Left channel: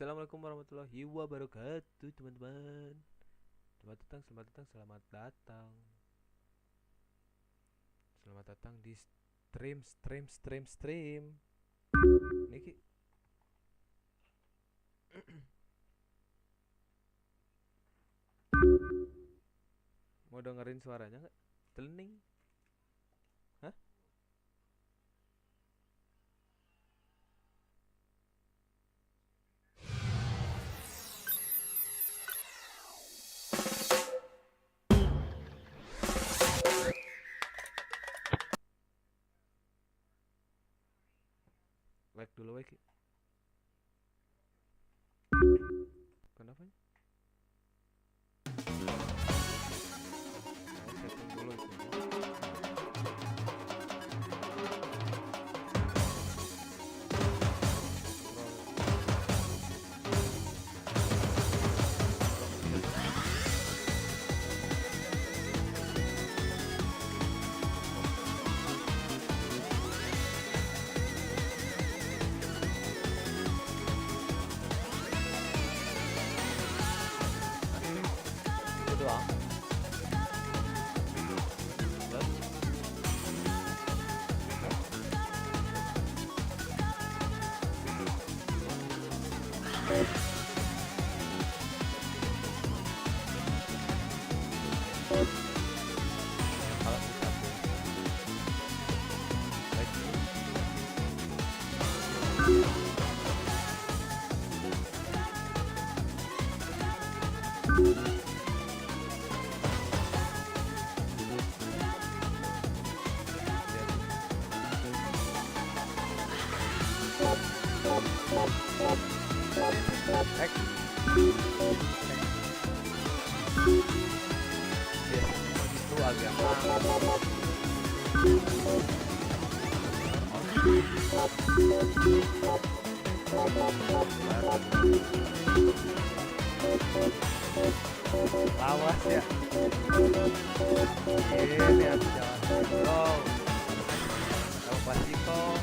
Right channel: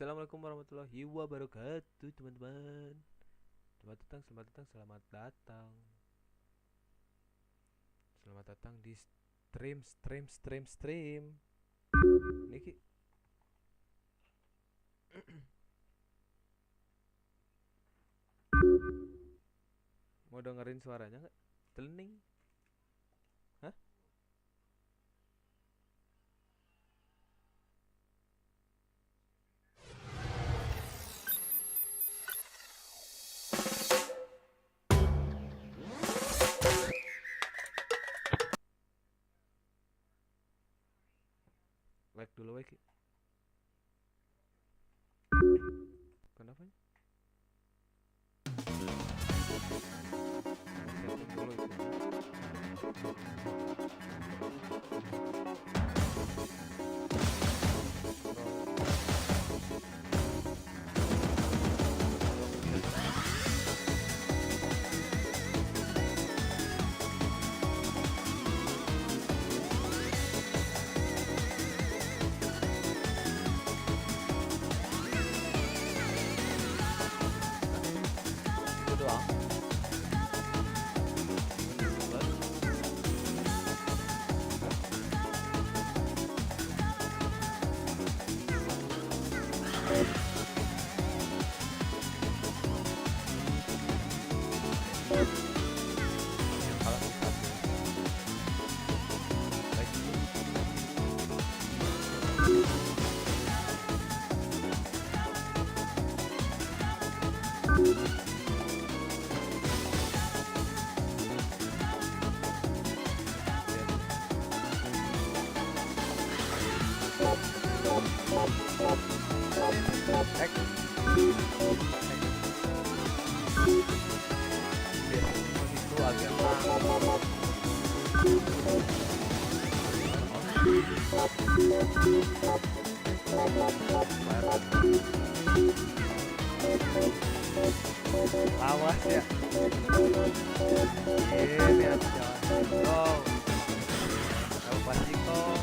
Assalamualaikum warahmatullahi wabarakatuh, teman-teman. Selamat datang, selamat datang. Selamat datang di stream. Niki. Mau dengerin suaranya nggak? Teling. Hah? Like dulu, like. Kenapa? Setting dulu itu. Itu doang. Kalau like dulu. Ek. Biasanya itu agak lawas ya. Ini aku jalan bro. Kamu pasti kok.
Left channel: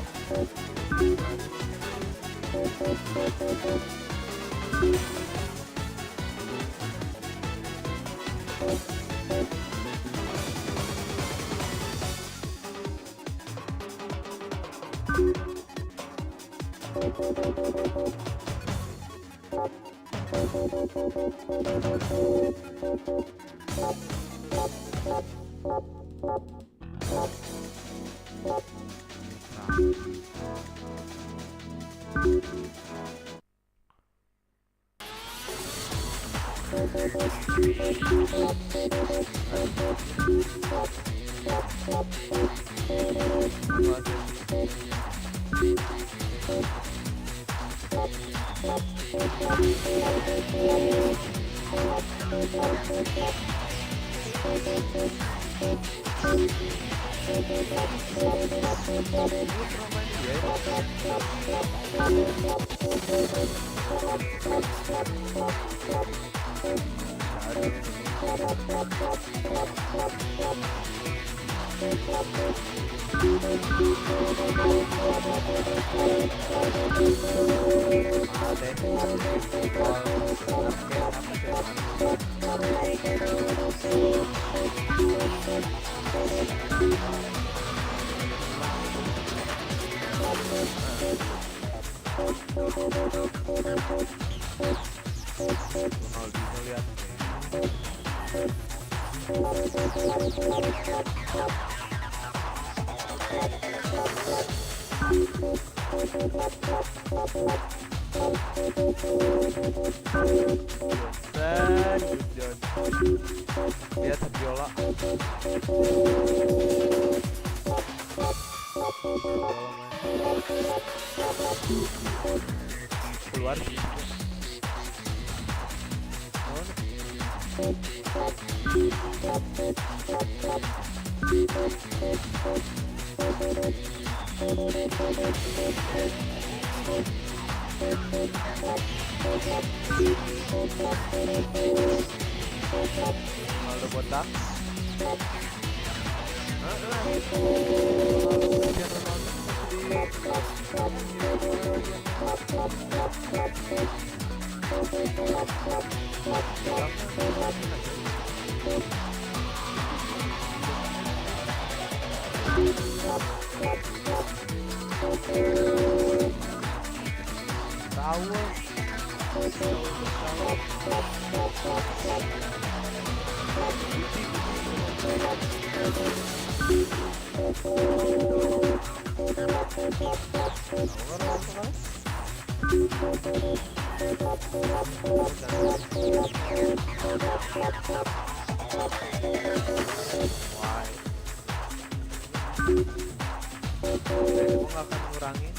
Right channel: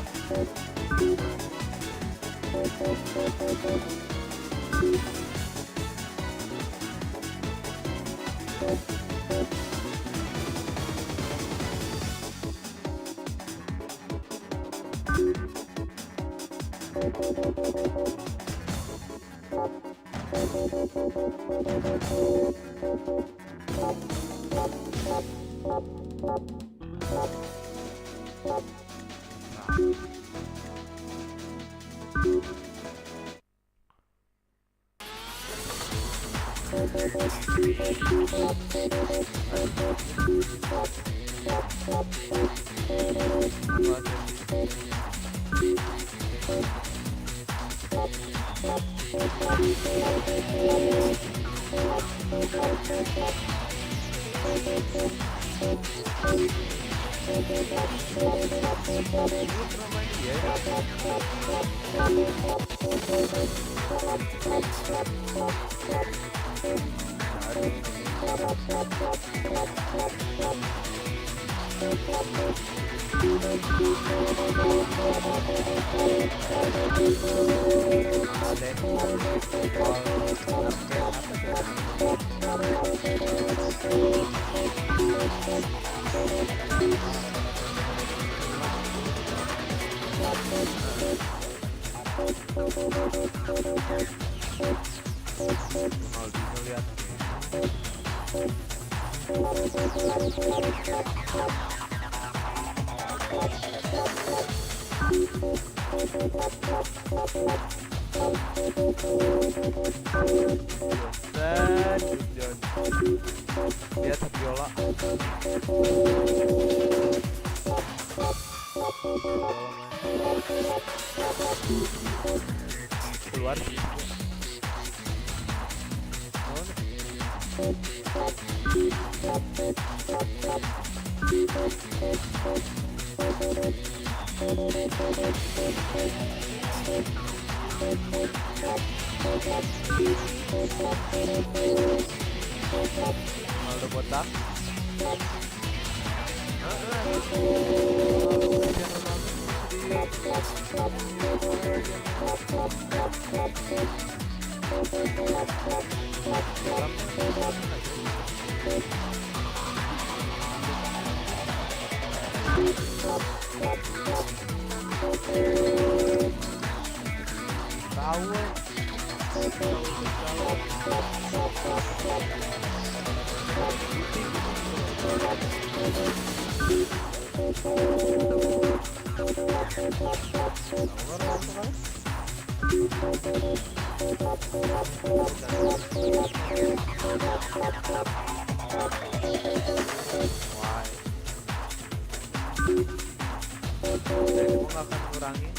Lihat biola. Keluar sih. Ada botak. Awal. Jadi mau nggak akan ngurangin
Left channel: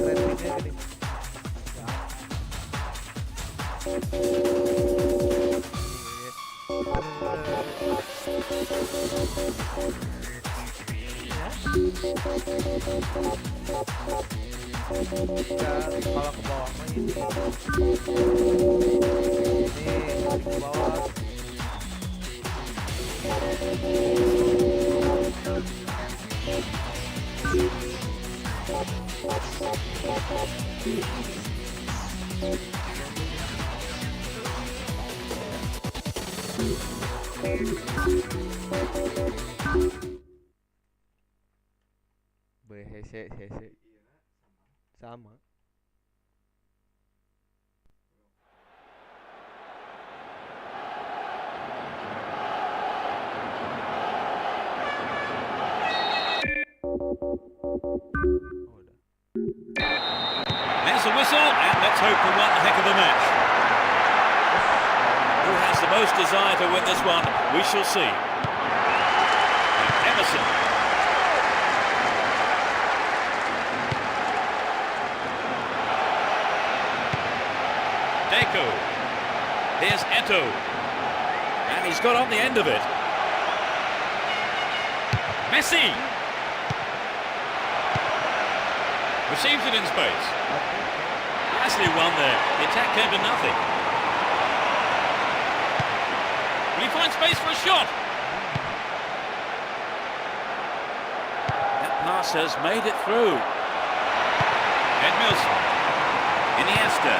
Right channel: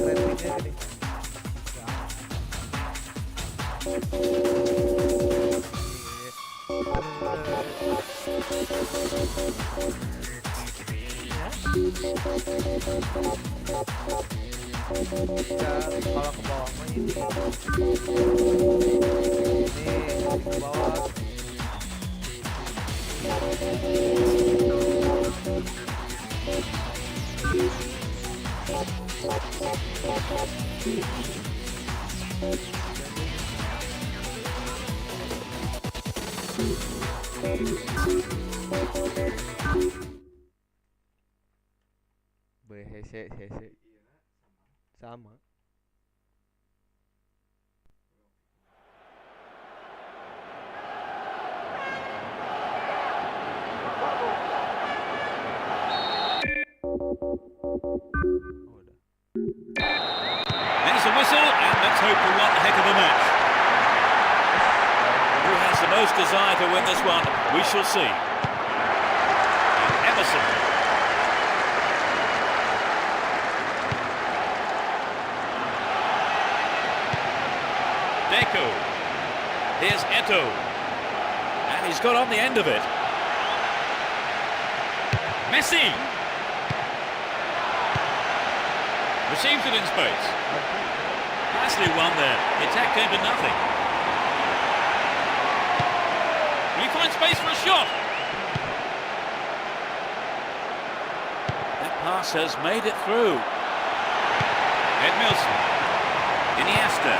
ratingnya gini. Kalau ke bawah mah ini ke bawah. Hese sama. There's a whistle, and let's hope for one heck of a match. Who has the most desire to win this one? We shall see. And Emerson. Deco. Here's Eto. And he's got on the end of it. Messi. Receives it in space. Nicely won there. The attack came to nothing. Will he find space for a shot? That pass has made it through. Edmilson. Iniesta.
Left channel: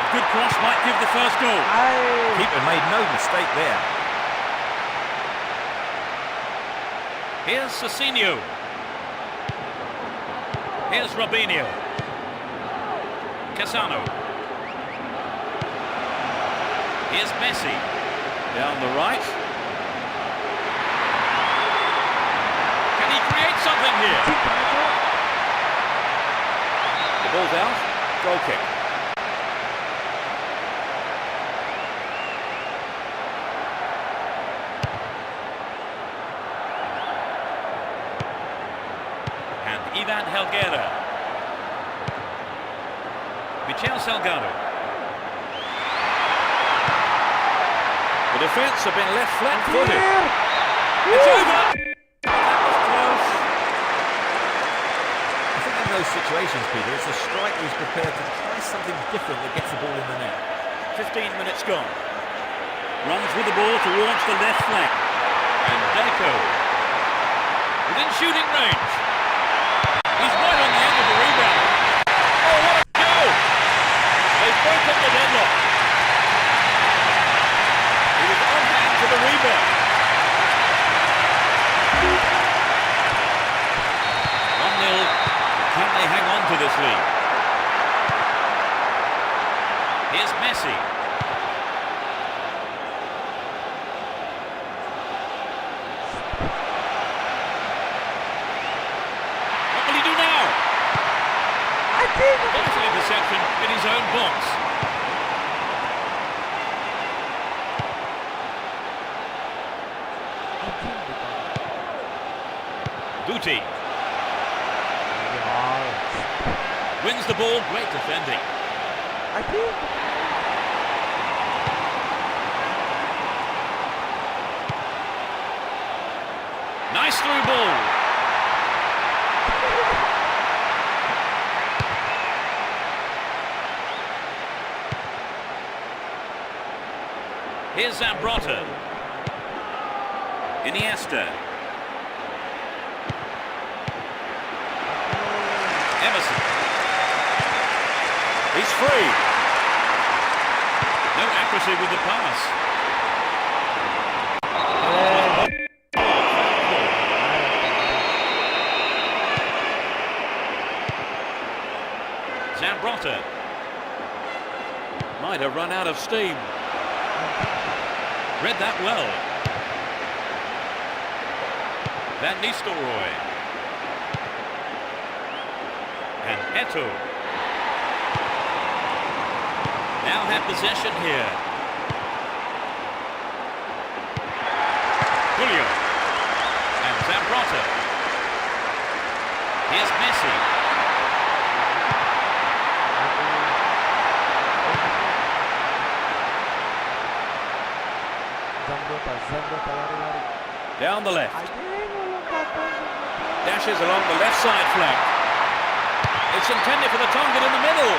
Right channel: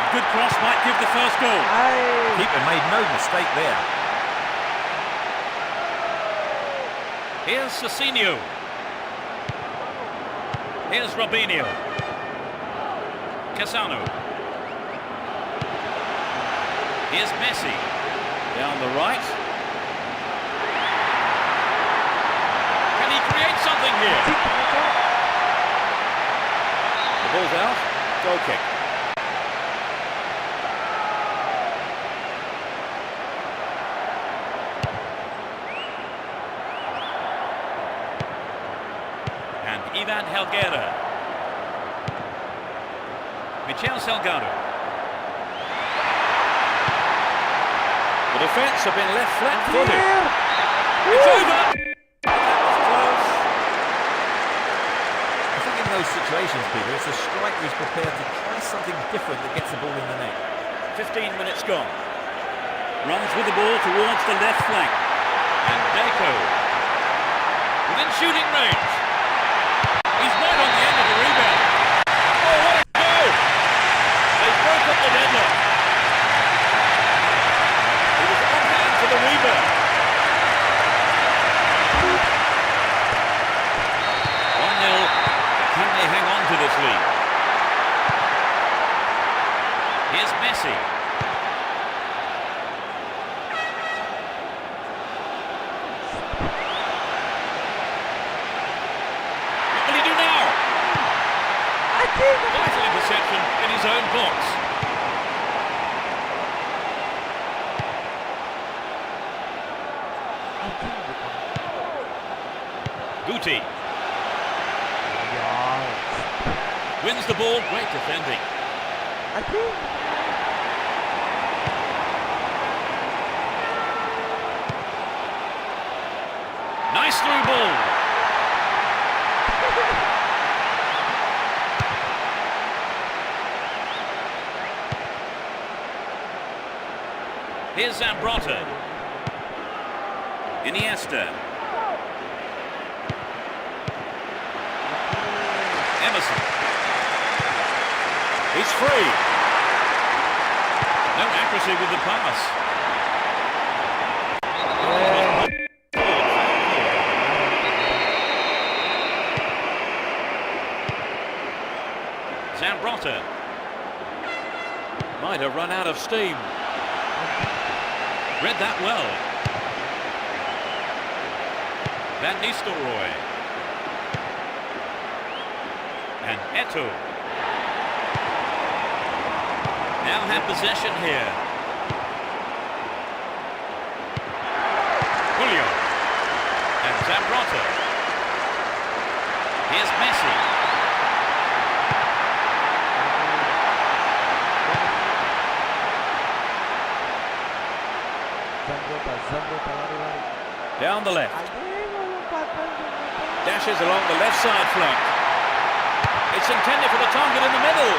A good cross might give the first goal. Keeper made no mistake there. Here's Cicinho. Here's Robinho. Casano. Here's Messi. Down the right. Can he create something here? The ball's out. Goal kick. And Ivan Helguera. Michel Salgado. The defence have been left flat-footed. It's over! That was close. I think in those situations, Peter, it's the striker who's prepared to try something different that gets the ball in the net. 15 minutes gone. Runs with the ball towards the left flank. And Deco. Within shooting range. He's right on the end of the rebound. Oh, what a goal! They broke up the deadlock. He was on hand for the rebound. 1-0, but can they hang on to this lead? Here's Messi. What will he do now? Vital interception in his own box. Guti. Wins the ball, great defending. Nice through ball. Here's Zambrotta. Iniesta. Emerson. He's free. No accuracy with the pass. Zambrotta might have run out of steam. Read that well. Van Nistelrooy. And Eto'o. Now have possession here. Julio. And Zambrotta. Here's Messi. Zambrotta lari-lari. Down the left. Lompatan. Dashes along the left side flank. It's intended for the target in the middle.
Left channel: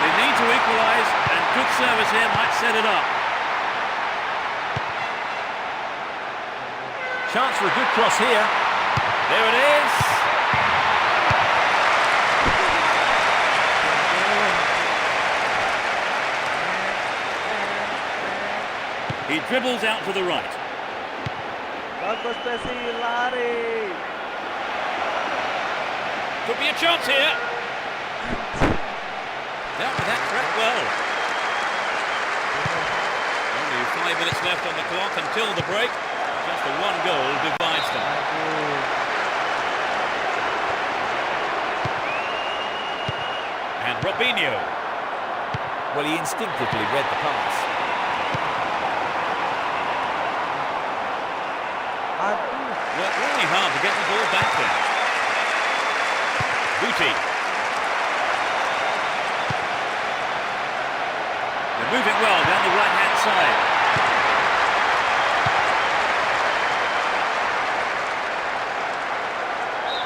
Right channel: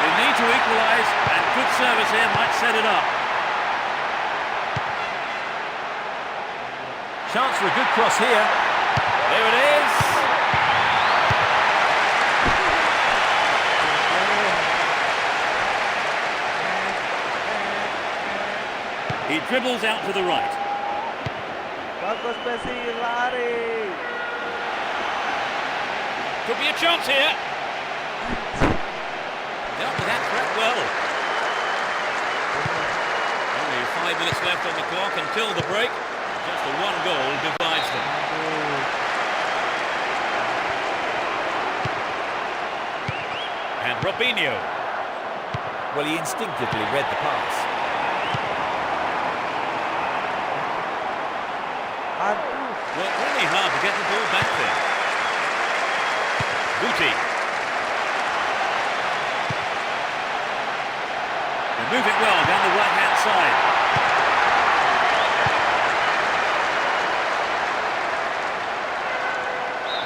They need to equalise, and good service here might set it up. Chance for a good cross here. There it is. He dribbles out to the right. Bagus Messi, lari. Could be a chance here. Dealt with that threat well. Only 5 minutes left on the clock until the break. Just the one goal divides them. And Robinho. Well, he instinctively read the pass. Worked really hard to get the ball back there. Booty. They're moving well down the right-hand side.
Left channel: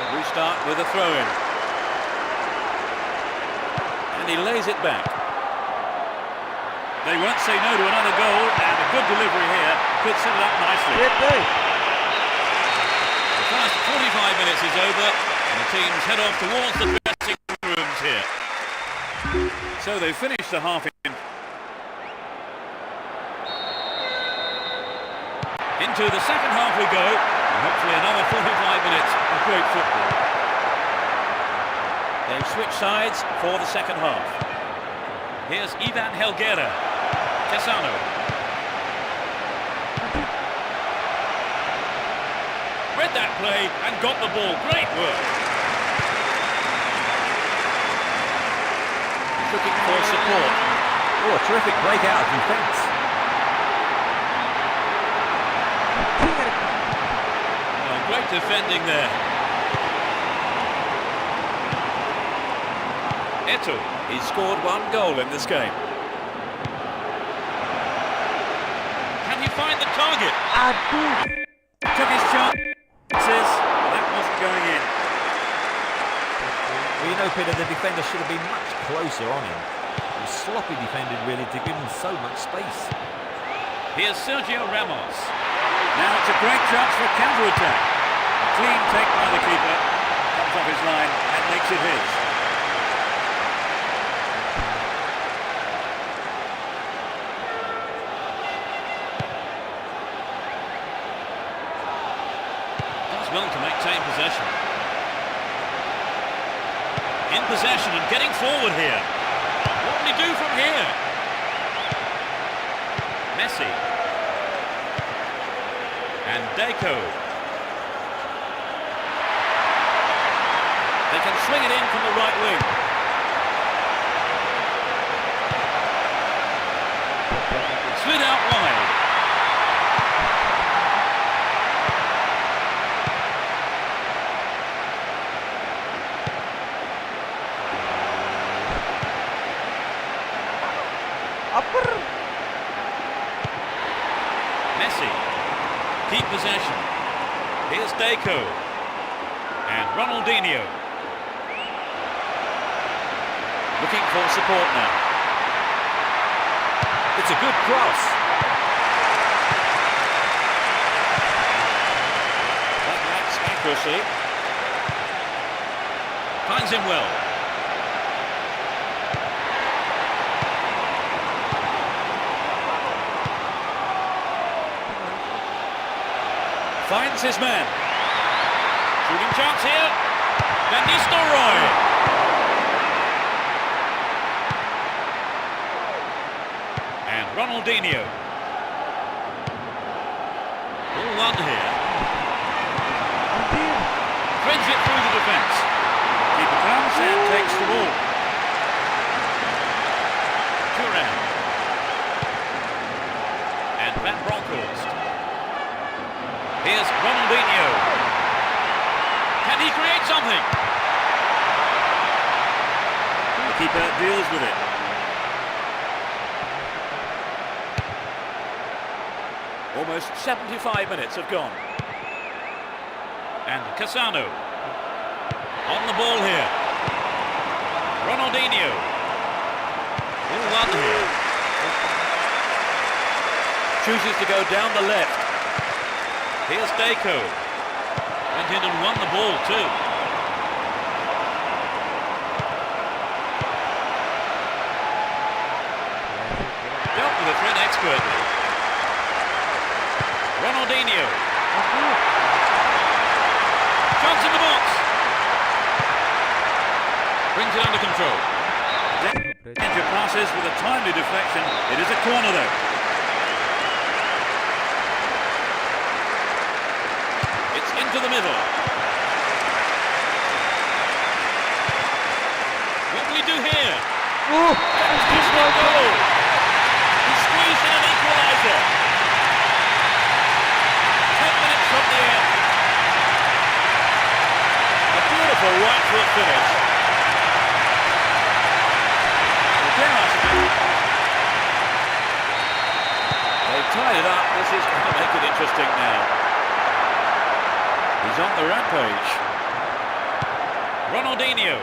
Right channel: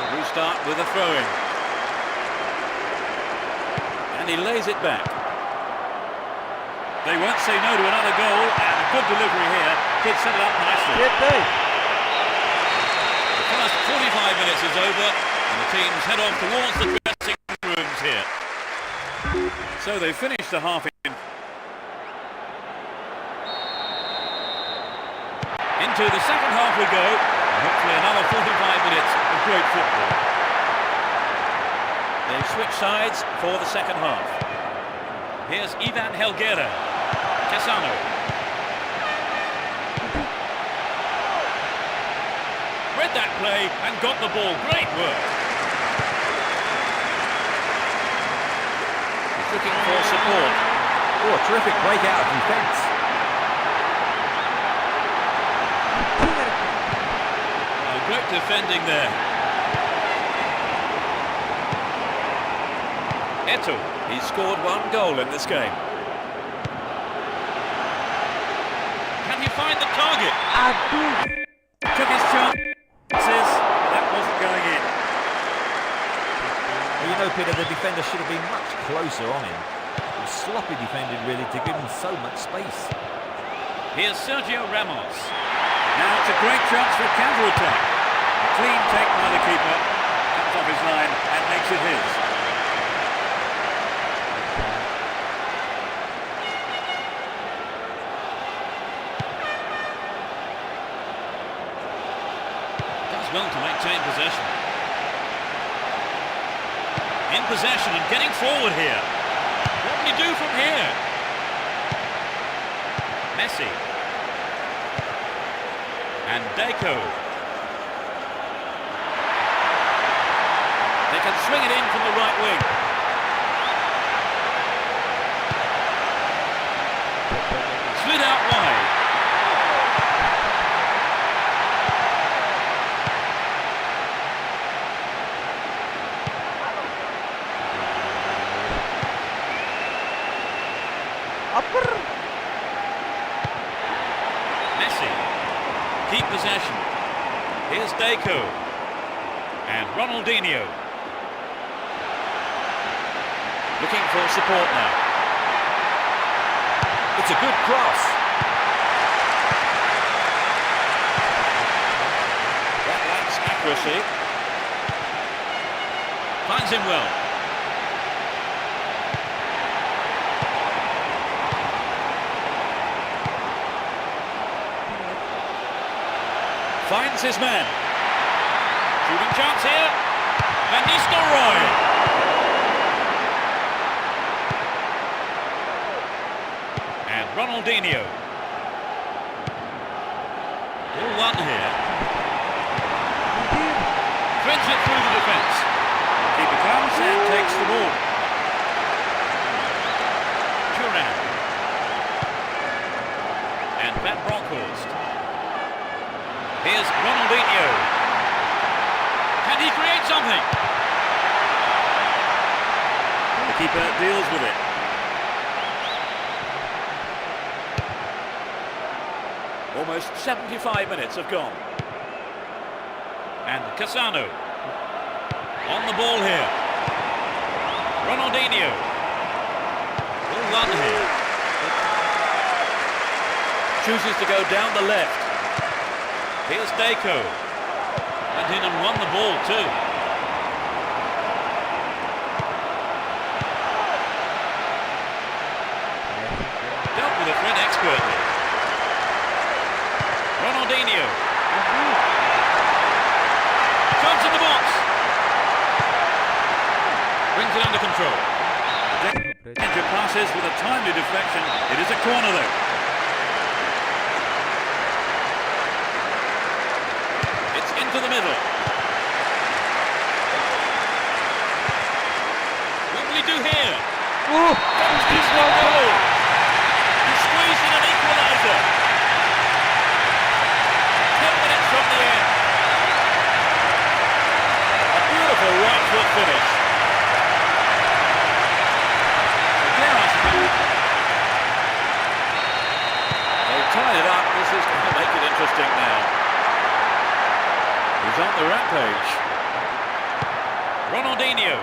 We'll restart with a throw-in. And he lays it back. They won't say no to another goal, and a good delivery here could set it up nicely. The first 45 minutes is over, and the teams head off towards the dressing rooms here. So they finished the half in. Into the second half we go, and hopefully another 45 minutes of great football. They've switched sides for the second half. Here's Ivan Helguera. Tessano. Read that play and got the ball. Great work. He's looking for support. Oh, a terrific breakout of defence. Well, great defending there. Eto'o. He's scored one goal in this game. Can he find the target? Took his chances, but that wasn't going in. Well, you know, Peter, the defender should have been much closer on him. It was sloppy defending, really, to give him so much space. Here's Sergio Ramos. Now it's a great chance for a counter-attack. A clean take by the keeper. Comes off his line and makes it his. Does well to maintain possession. In possession and getting forward here. What will he do from here? Messi. And Deco. They can swing it in from the right wing. Slid out wide. Messi. Keep possession. Here's Deco. And Ronaldinho. Looking for support now. It's a good cross. lacks accuracy. Finds him well. Finds his man. Shooting chance here. Van Nistelrooy. And Ronaldinho. Ball one here. Threads it through the defence. Keeper comes and takes the ball. Turan. And Van Bronckhorst. Here's Ronaldinho. Can he create something? The keeper deals with it. Almost 75 minutes have gone. And Cassano. On the ball here. Ronaldinho. Ball one here. Chooses to go down the left. Here's Deco. Went in and won the ball too. Dealt with the threat expertly. Ronaldinho. Chance in the box. Brings it under control. Danger passes with a timely deflection. It is a corner though. It's into the middle. What will he do here? Fantastic goal! He squeezed in an equaliser. 10 minutes from the end. A beautiful right foot finish. Well, dare I suggest, they've tied it up. This is going to make it interesting now. He's on the rampage. Ronaldinho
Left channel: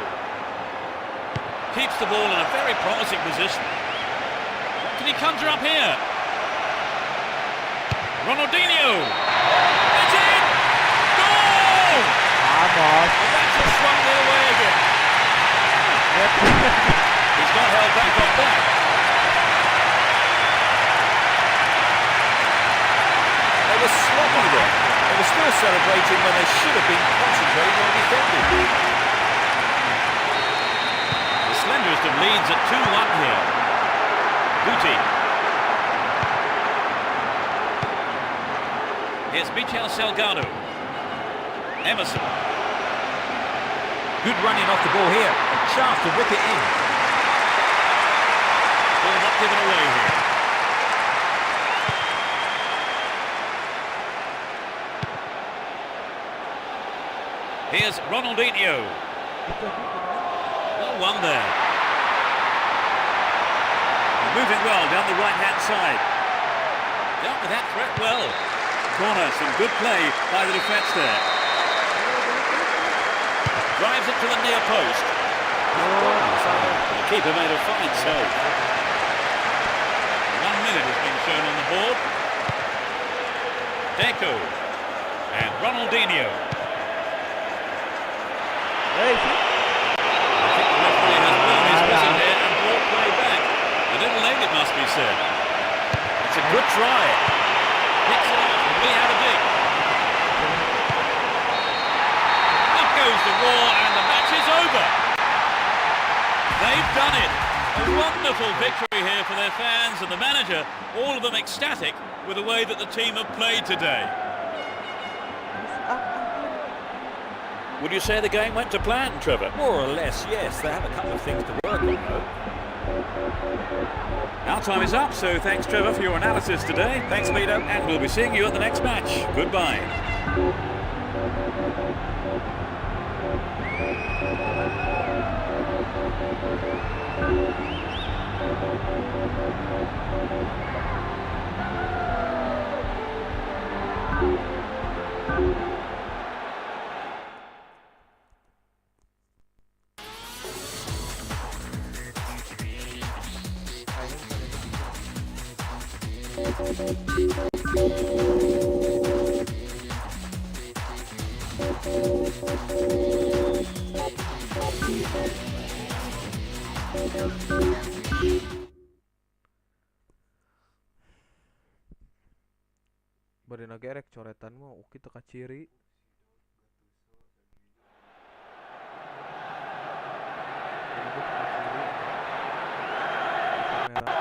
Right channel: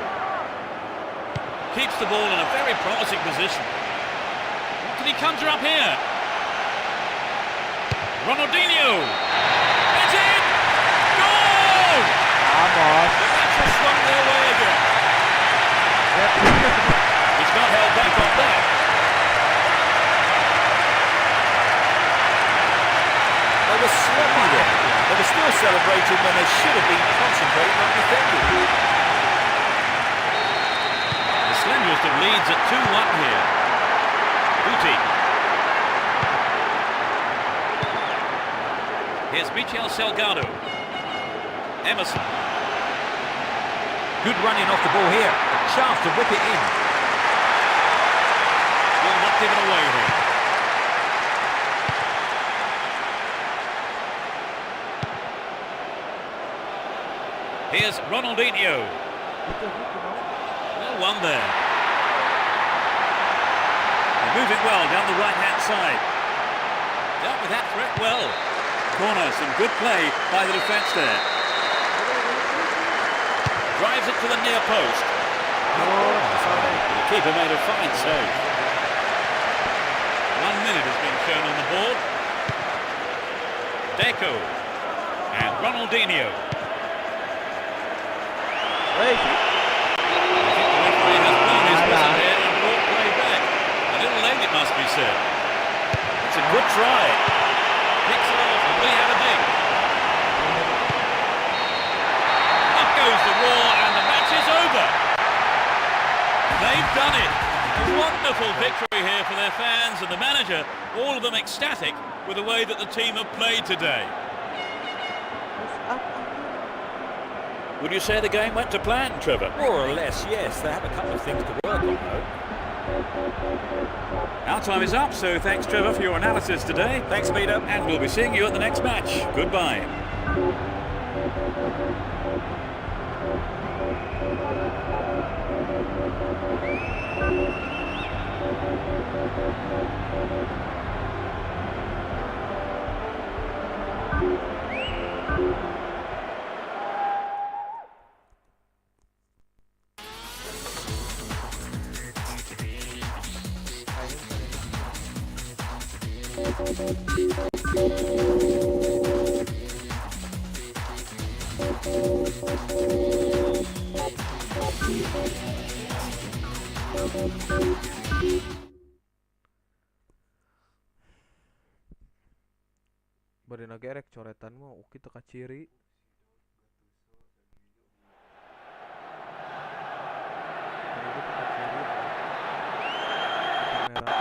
keeps the ball in a very promising position. What can he conjure up here? Ronaldinho! It's in! Goal! The match has swung their way again. He's not held back on that. They were sloppy there. They were still celebrating when they should have been concentrating on defending. The slenderest of leads at 2-1 here. Guti. Here's Michel Salgado. Emerson. Good running off the ball here. A chance to whip it in. Ball not given away here. Here's Ronaldinho. Well won there. They're moving well down the right-hand side. Dealt with that threat well. Corner, some good play by the defence there. Drives it to the near post. The keeper made a fine save. 1 minute has been shown on the board. Deco and Ronaldinho. I think the referee has blown his whistle here and brought play back. A little late, it must be said. It's a good try. Picks it off, and will he have a dig? Up goes the roar, and the match is over. They've done it. A wonderful victory here for their fans and the manager, all of them ecstatic with the way that the team have played today. Would you say the game went to plan, Trevor? More or less, yes. They have a couple of things to work on, though. Our time is up, so thanks, Trevor, for your analysis today. Thanks, Peter. And we'll be seeing you at the next match. Goodbye. Bari nagerek coretan mah uki teka ciri. Bari gua teka ciri. Kamera.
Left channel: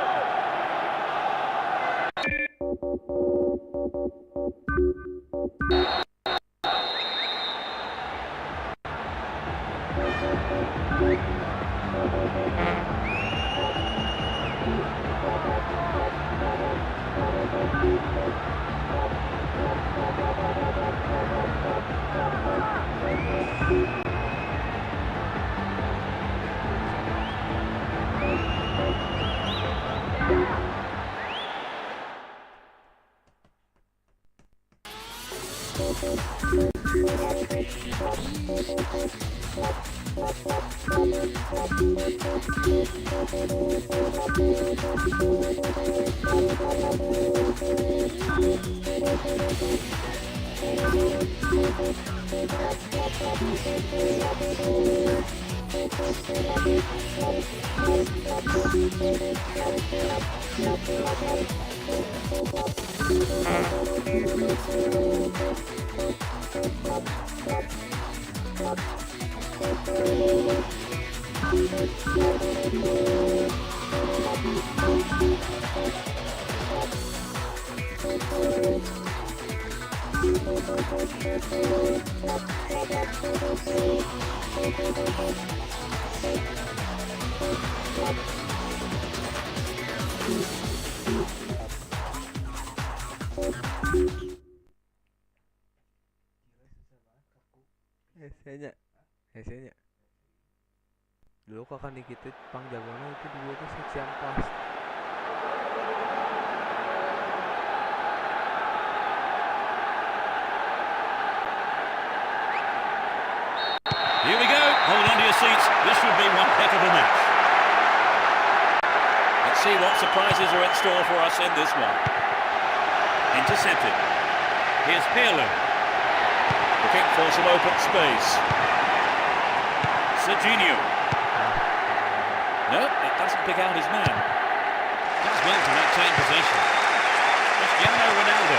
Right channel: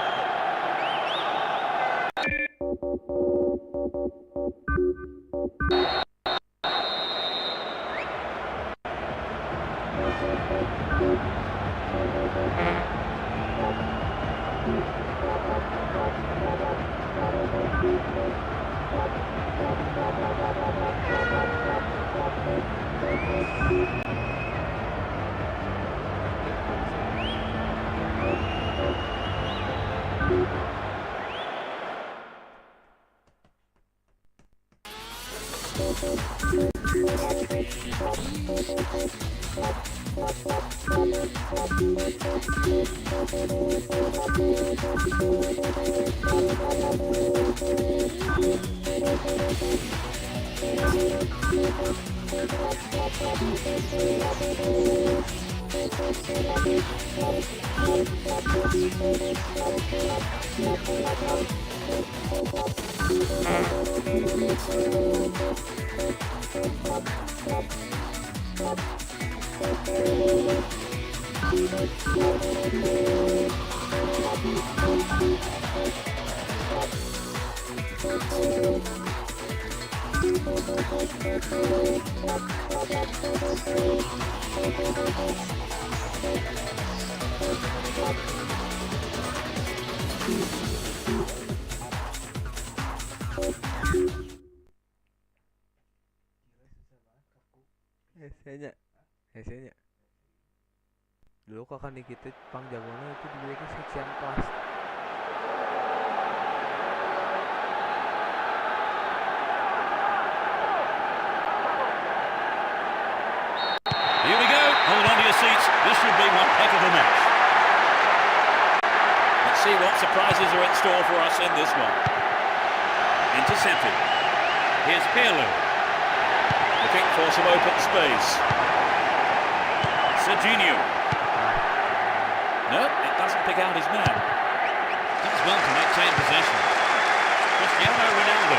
Hesenya. Dulu kakak Nikita pang jagoannya itu dua itu seksi amplas. Here we go. Hold on to your seats. This should be one heck of a match. Let's see what surprises are in store for us in this one. Intercepted. Here's Pirlo. Looking for some open space. Serginho. No, it doesn't pick out his man. Does well to maintain possession. Cristiano Ronaldo.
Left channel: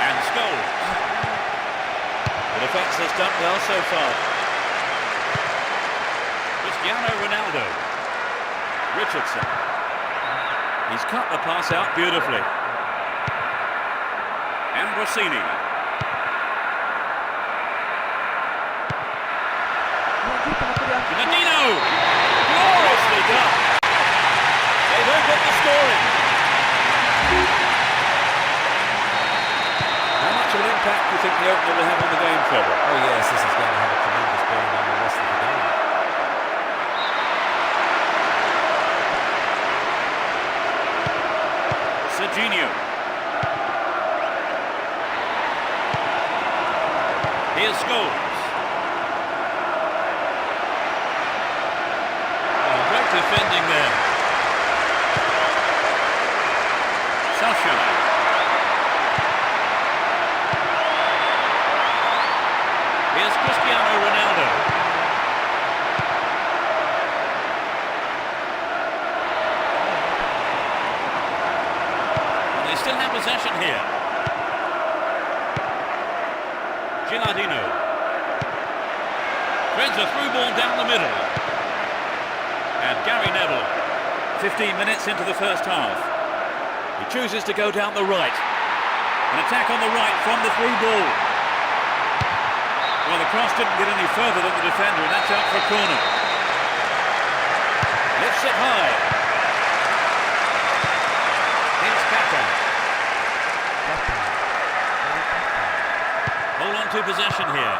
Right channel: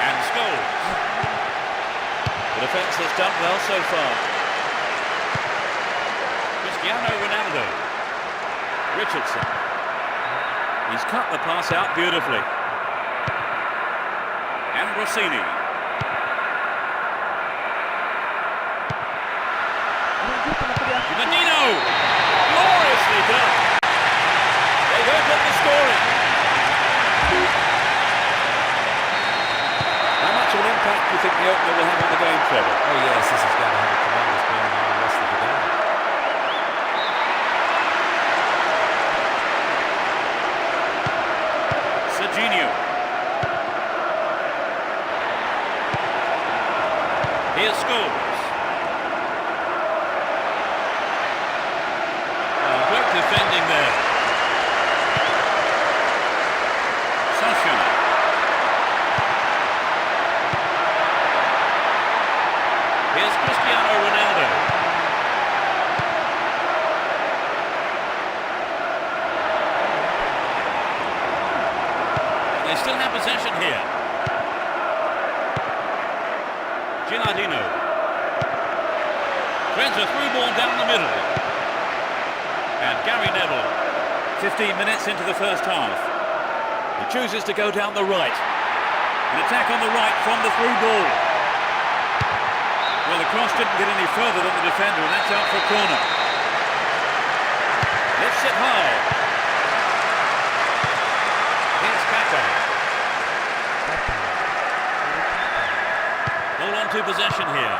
And Scholes. The defence has done well so far. Cristiano Ronaldo. Richardson. He's cut the pass out beautifully. Ambrosini. Gnadino! Gloriously done! They've opened the scoring. How much of an impact do you think the opener will have on the game, Trevor? Oh yes, this is going to have a tremendous bearing on the rest of the game. Serginho. Here's Scholes. Oh, great defending there. Solskjaer. Here's Cristiano Ronaldo. And they still have possession here. Gnadino. Threads a through ball down the middle. And Gary Neville. 15 minutes into the first half. He chooses to go down the right. An attack on the right from the through ball. Well, the cross didn't get any further than the defender, and that's out for a corner. Lifts it high. Here's Kaka. Hold on to possession here.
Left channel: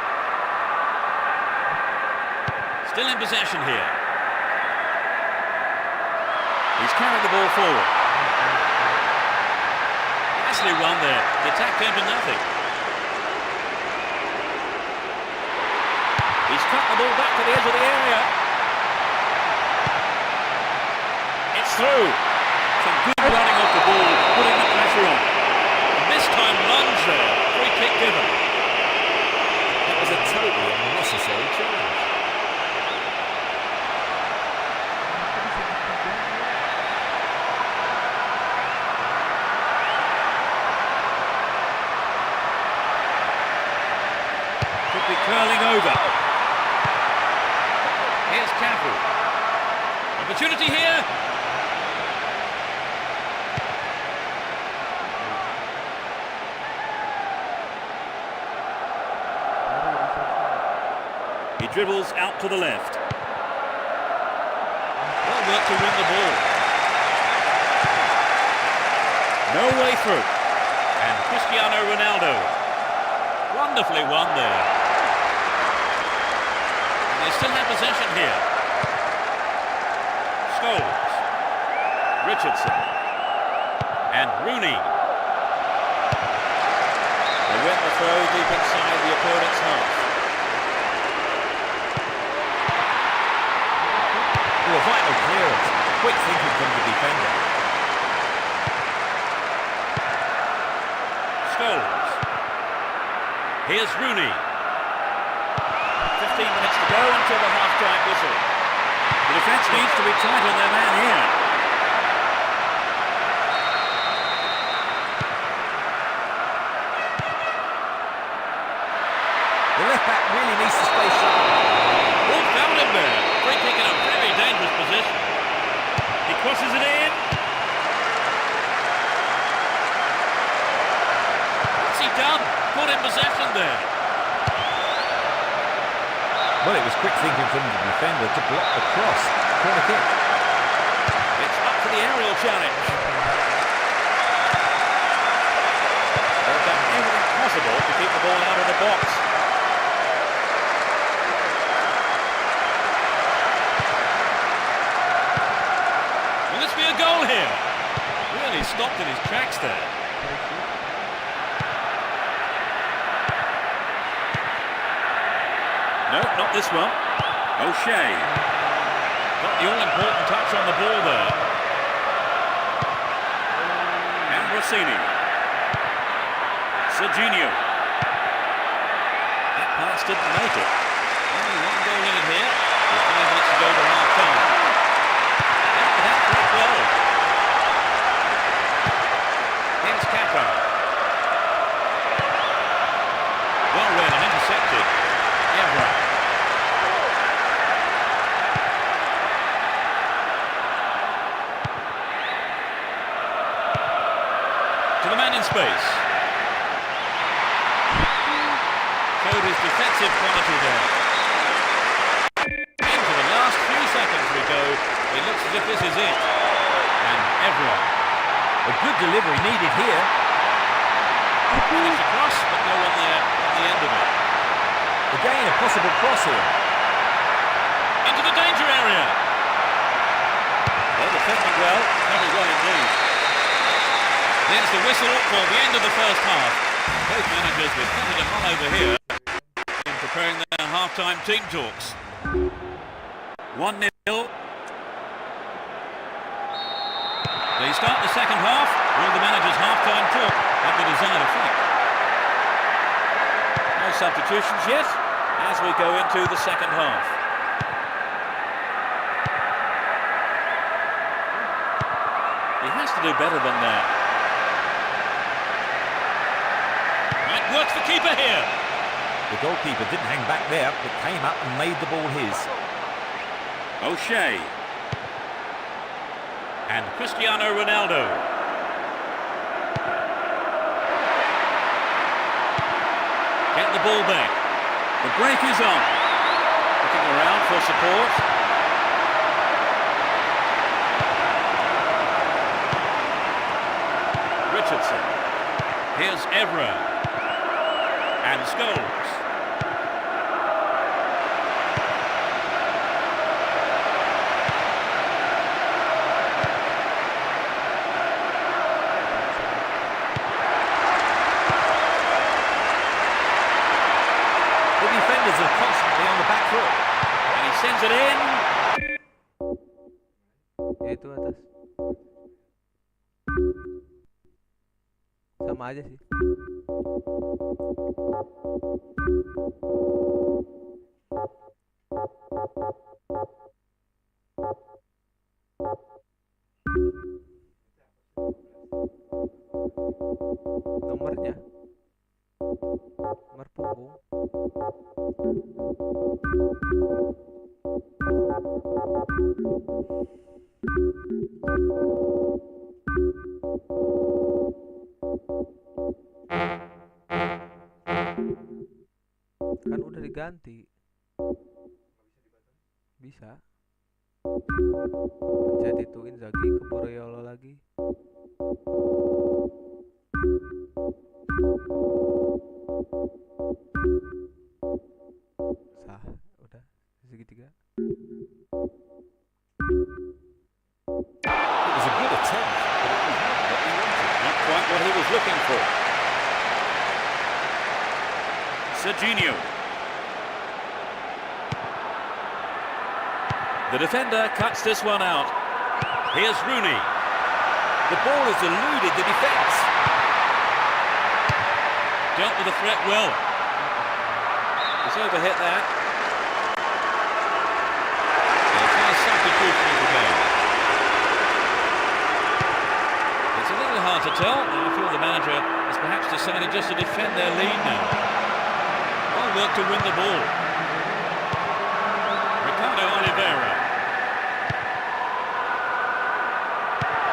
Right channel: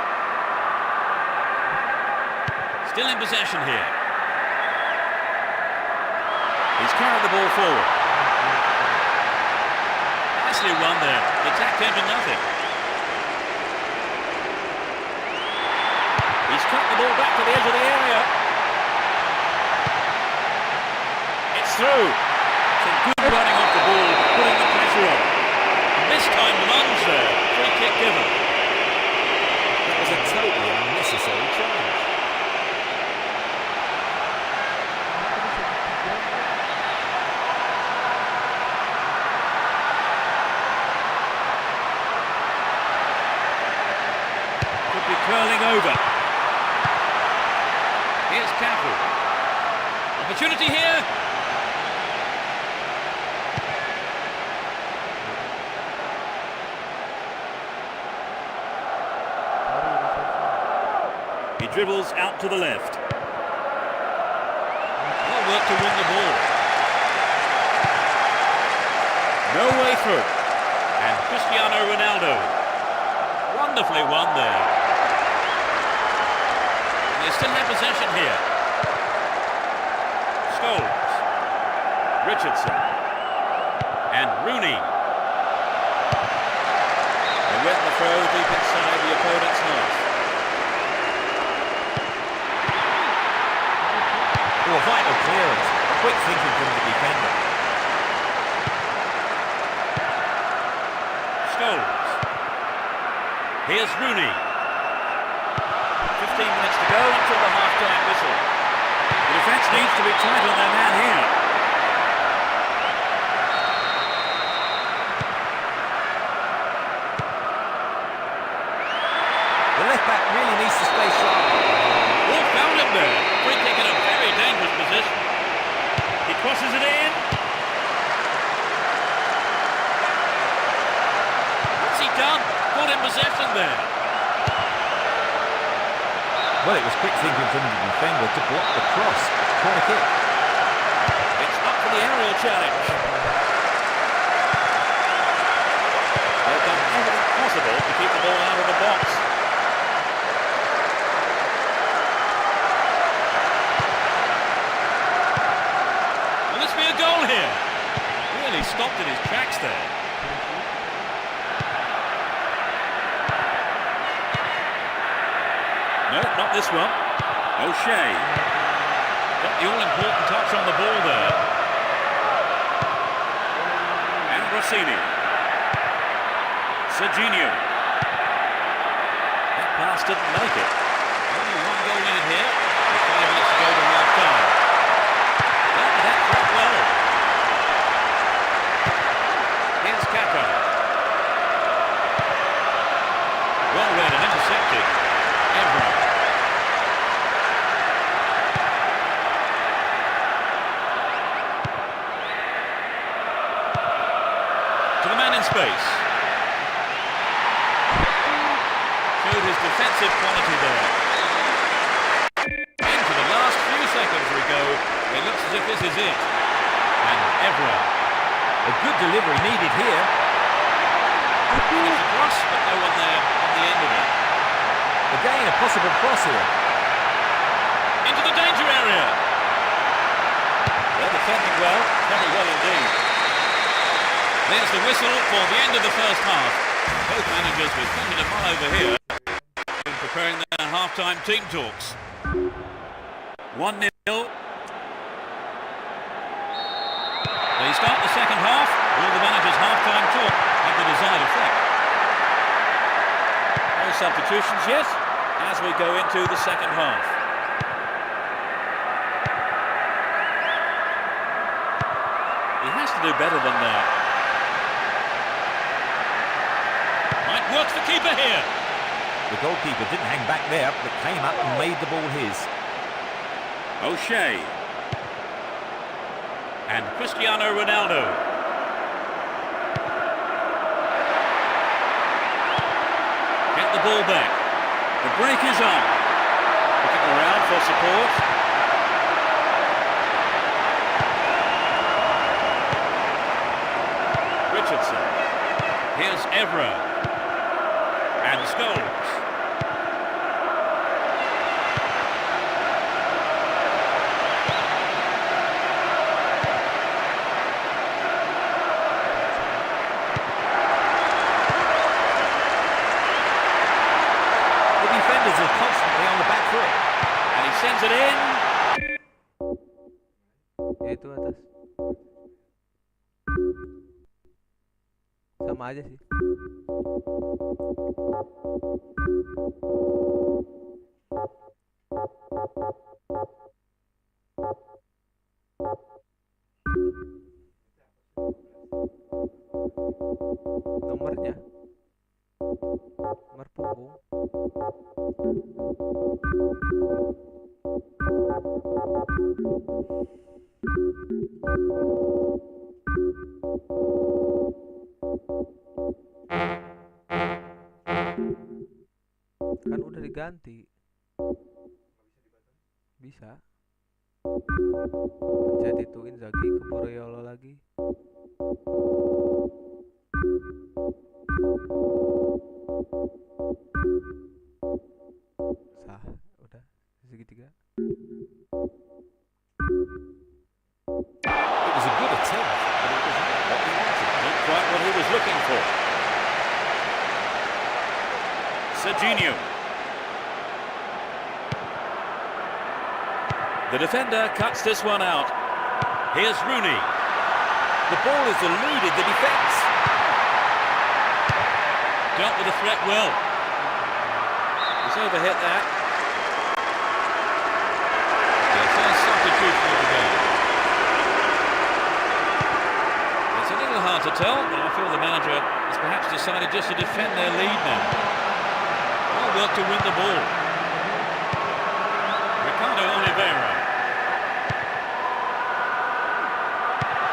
Still in possession here. He's carried the ball forward. Nicely run there. The attack came to nothing. He's cut the ball back to the edge of the area. It's through. Some good running off the ball, putting the pressure on. And this time lunge there. Free kick given. was a totally unnecessary challenge. Kenapa bisa ketiga? Could be curling over. Here's Cafu. Opportunity here. He dribbles out to the left. Well work to win the ball. No way through. And Cristiano Ronaldo. Wonderfully won there. And they still have possession here. Scholes. Richardson. And Rooney. They win the throw deep inside the opponent's half. Oh, a vital clearance. Quick thinking from the defender. Scholes. Here's Rooney. 15 minutes to go until the half-time whistle. The defence needs to be tight on their man here. The left back really needs to stay sharp. Oh, found him there. Free kick in a very dangerous position. He crosses it in. What's he done? Caught in possession there. Well, it was quick thinking from the defender to block the cross. Corner kick. It's up for the aerial challenge. They've done everything possible to keep the ball out of the box. Will this be a goal here? Really stopped in his tracks there. No, not this one. O'Shea. Got the all-important touch on the ball there. Ambrosini. Serginho. That pass didn't make it. Only one goal in it here, with 5 minutes to go to half-time. Dealt with that threat well. Here's Kaka. Well read and intercepted. Evra. To the man in space. Showed his defensive quality there. Into the last few seconds we go. It looks as if this is it. And Evra. A good delivery needed here. Managed to cross, but no one there on the end of it. Again, a possible cross here. Into the danger area. They're defending well, very well indeed. There's the whistle for the end of the first half. Both managers with plenty to mull over here in preparing their half-time team talks. 1-0. They start the second half. Will the manager's half-time talk have the desired effect? No substitutions yet as we go into the second half. He has to do better than that. Might work for keeper here. The goalkeeper didn't hang back there, but came up and made the ball his. O'Shea. And Cristiano Ronaldo. Get the ball back. The break is on. Looking around for support. Richardson. Here's Evra. And Scholes. The defenders are constantly on the back foot. And he sends it in. Itu atas. Sama aja sih. Nomornya, nomor punggung. Kan udah diganti. Bisa. Pencet itu Inzaghi ke Borriolo lagi. Sah, udah segitiga. It was a good attempt, but it was not what he wanted. Not quite what he was looking for. Serginho. The defender cuts this one out. Here's Rooney. The ball has eluded the defence. Dealt with the threat well. He's overhit that. The first substitution of the game. It's a little hard to tell, but I feel the manager has perhaps decided just to defend their lead now. Well worked to win the ball. Ricardo Oliveira.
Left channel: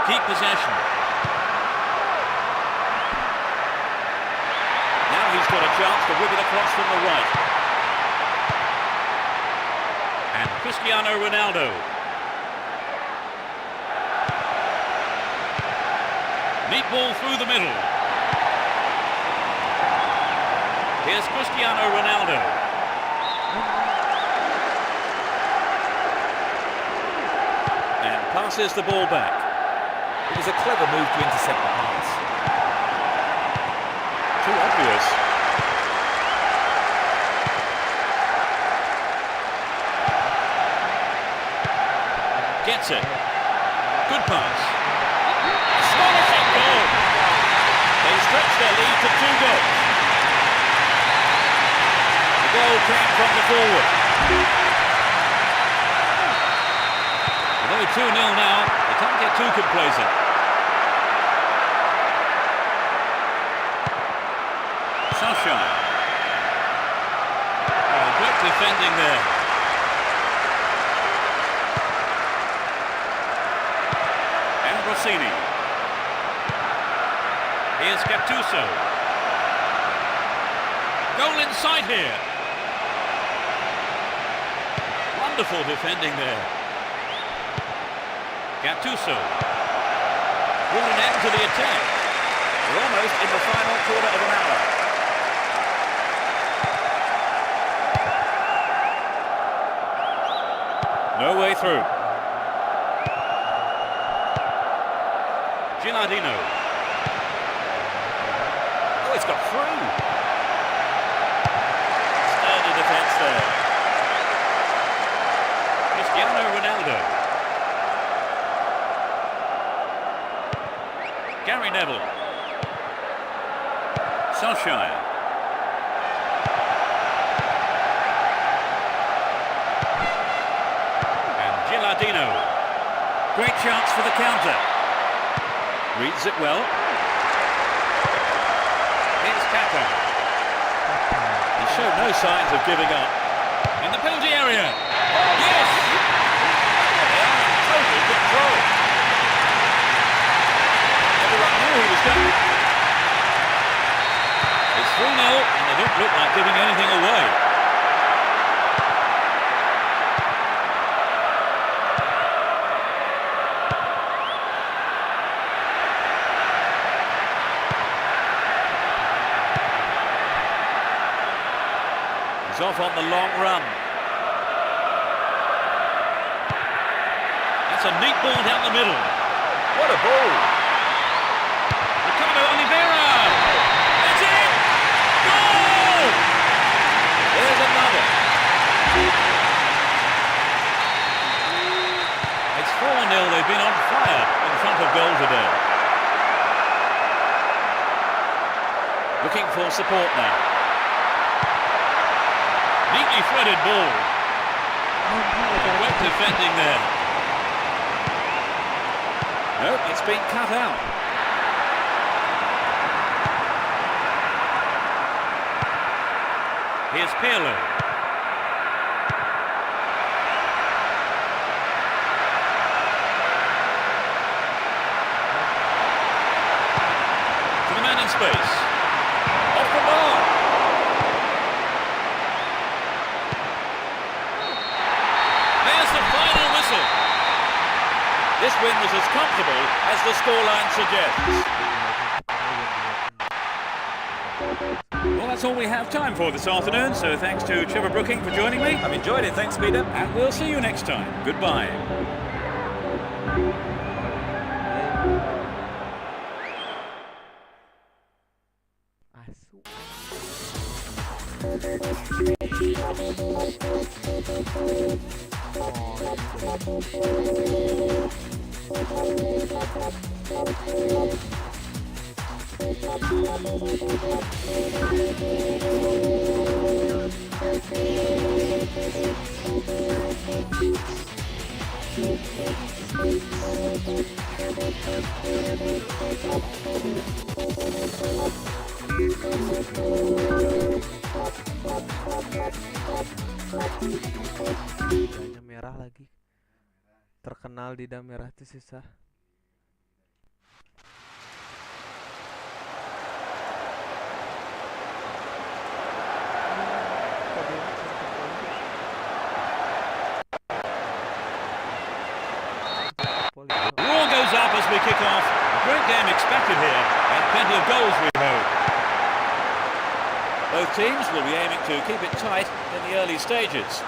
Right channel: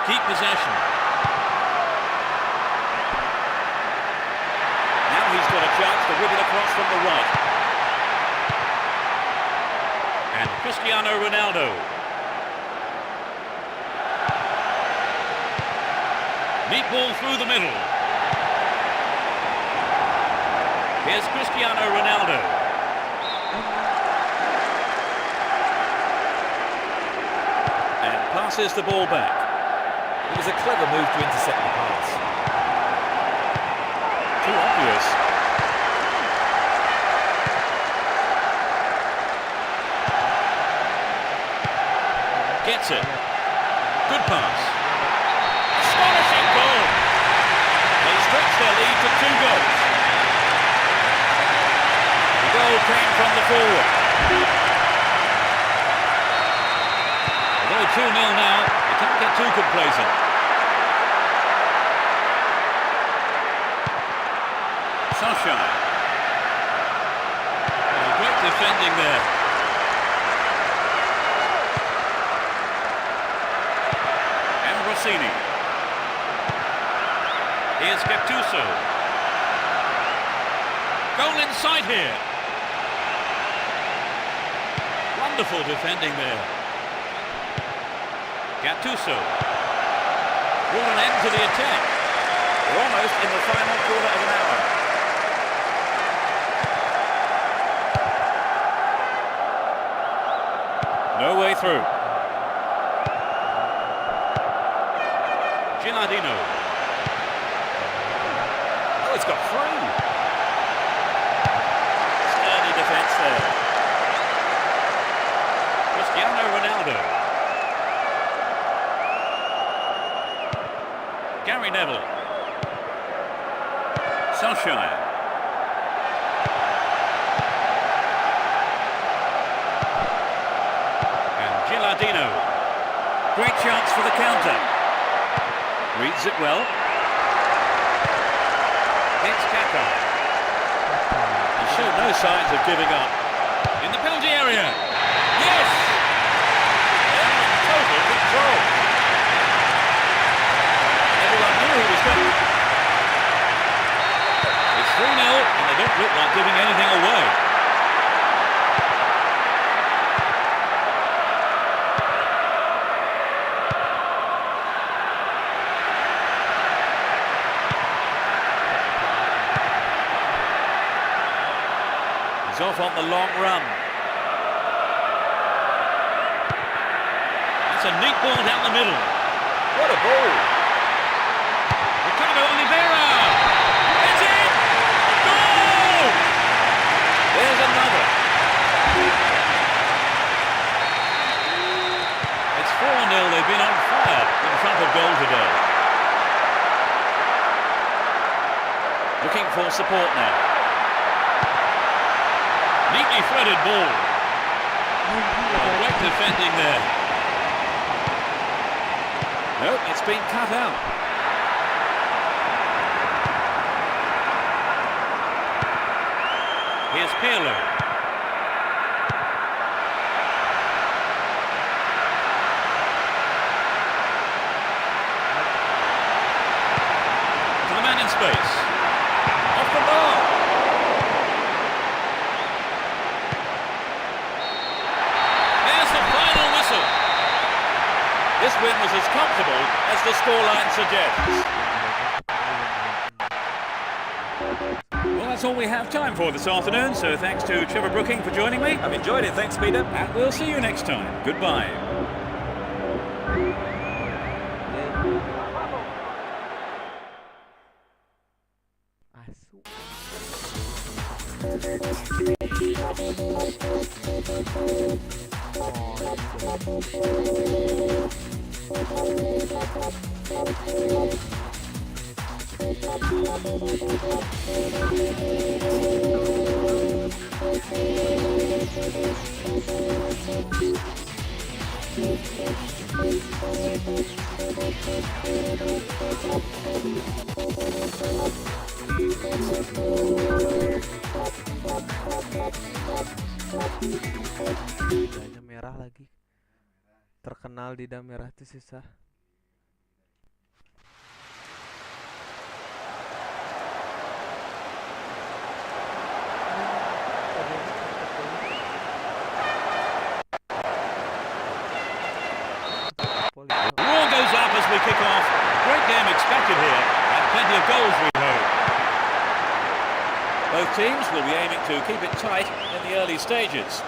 Keep possession. Now he's got a chance to whip it across from the right. And Cristiano Ronaldo. Neat ball through the middle. Here's Cristiano Ronaldo. And passes the ball back. It was a clever move to intercept the pass. Too obvious. Gets it. Good pass. Astonishing goal. They stretch their lead to 2 goals. The goal came from the forward. Although 2-0 now, they can't get too complacent. Solskjaer. Oh, great defending there. Ambrosini. Here's Gattuso. Goal inside here. Wonderful defending there. Gattuso. Brought an end to the attack. We're almost in the final quarter of an hour. No way through. Gilardino. Oh, it's got through. Sturdy defence there. Cristiano Ronaldo. Gary Neville. Solskjaer. And Gilardino. Great chance for the counter. Reads it well. Here's Kaka. He showed no signs of giving up. In the penalty area. Yes! They are in total control. Everyone knew he was going. It's 3-0 and they don't look like giving anything away. He's off on the long run. That's a neat ball down the middle. What a ball! Ricardo Oliveira! It's in! Goal! There's another. It's 4-0. They've been on fire in front of goal today. Looking for support now. Neatly threaded ball. Great defending there. Nope, it's been cut out. Here's Pirlo. To the man in space. Off the bar. There's the final whistle. This win was as comfortable as the scoreline suggests. Well, that's all we have time for this afternoon, so thanks to Trevor Brooking for joining me. I've enjoyed it, thanks Peter. And we'll see you next time. Goodbye. Lidahnya merah lagi. Terkenal lidah merah itu susah. The roar goes up as we kick off. A great game expected here, and plenty of goals we hope. Both teams will be aiming to keep it tight in the early stages.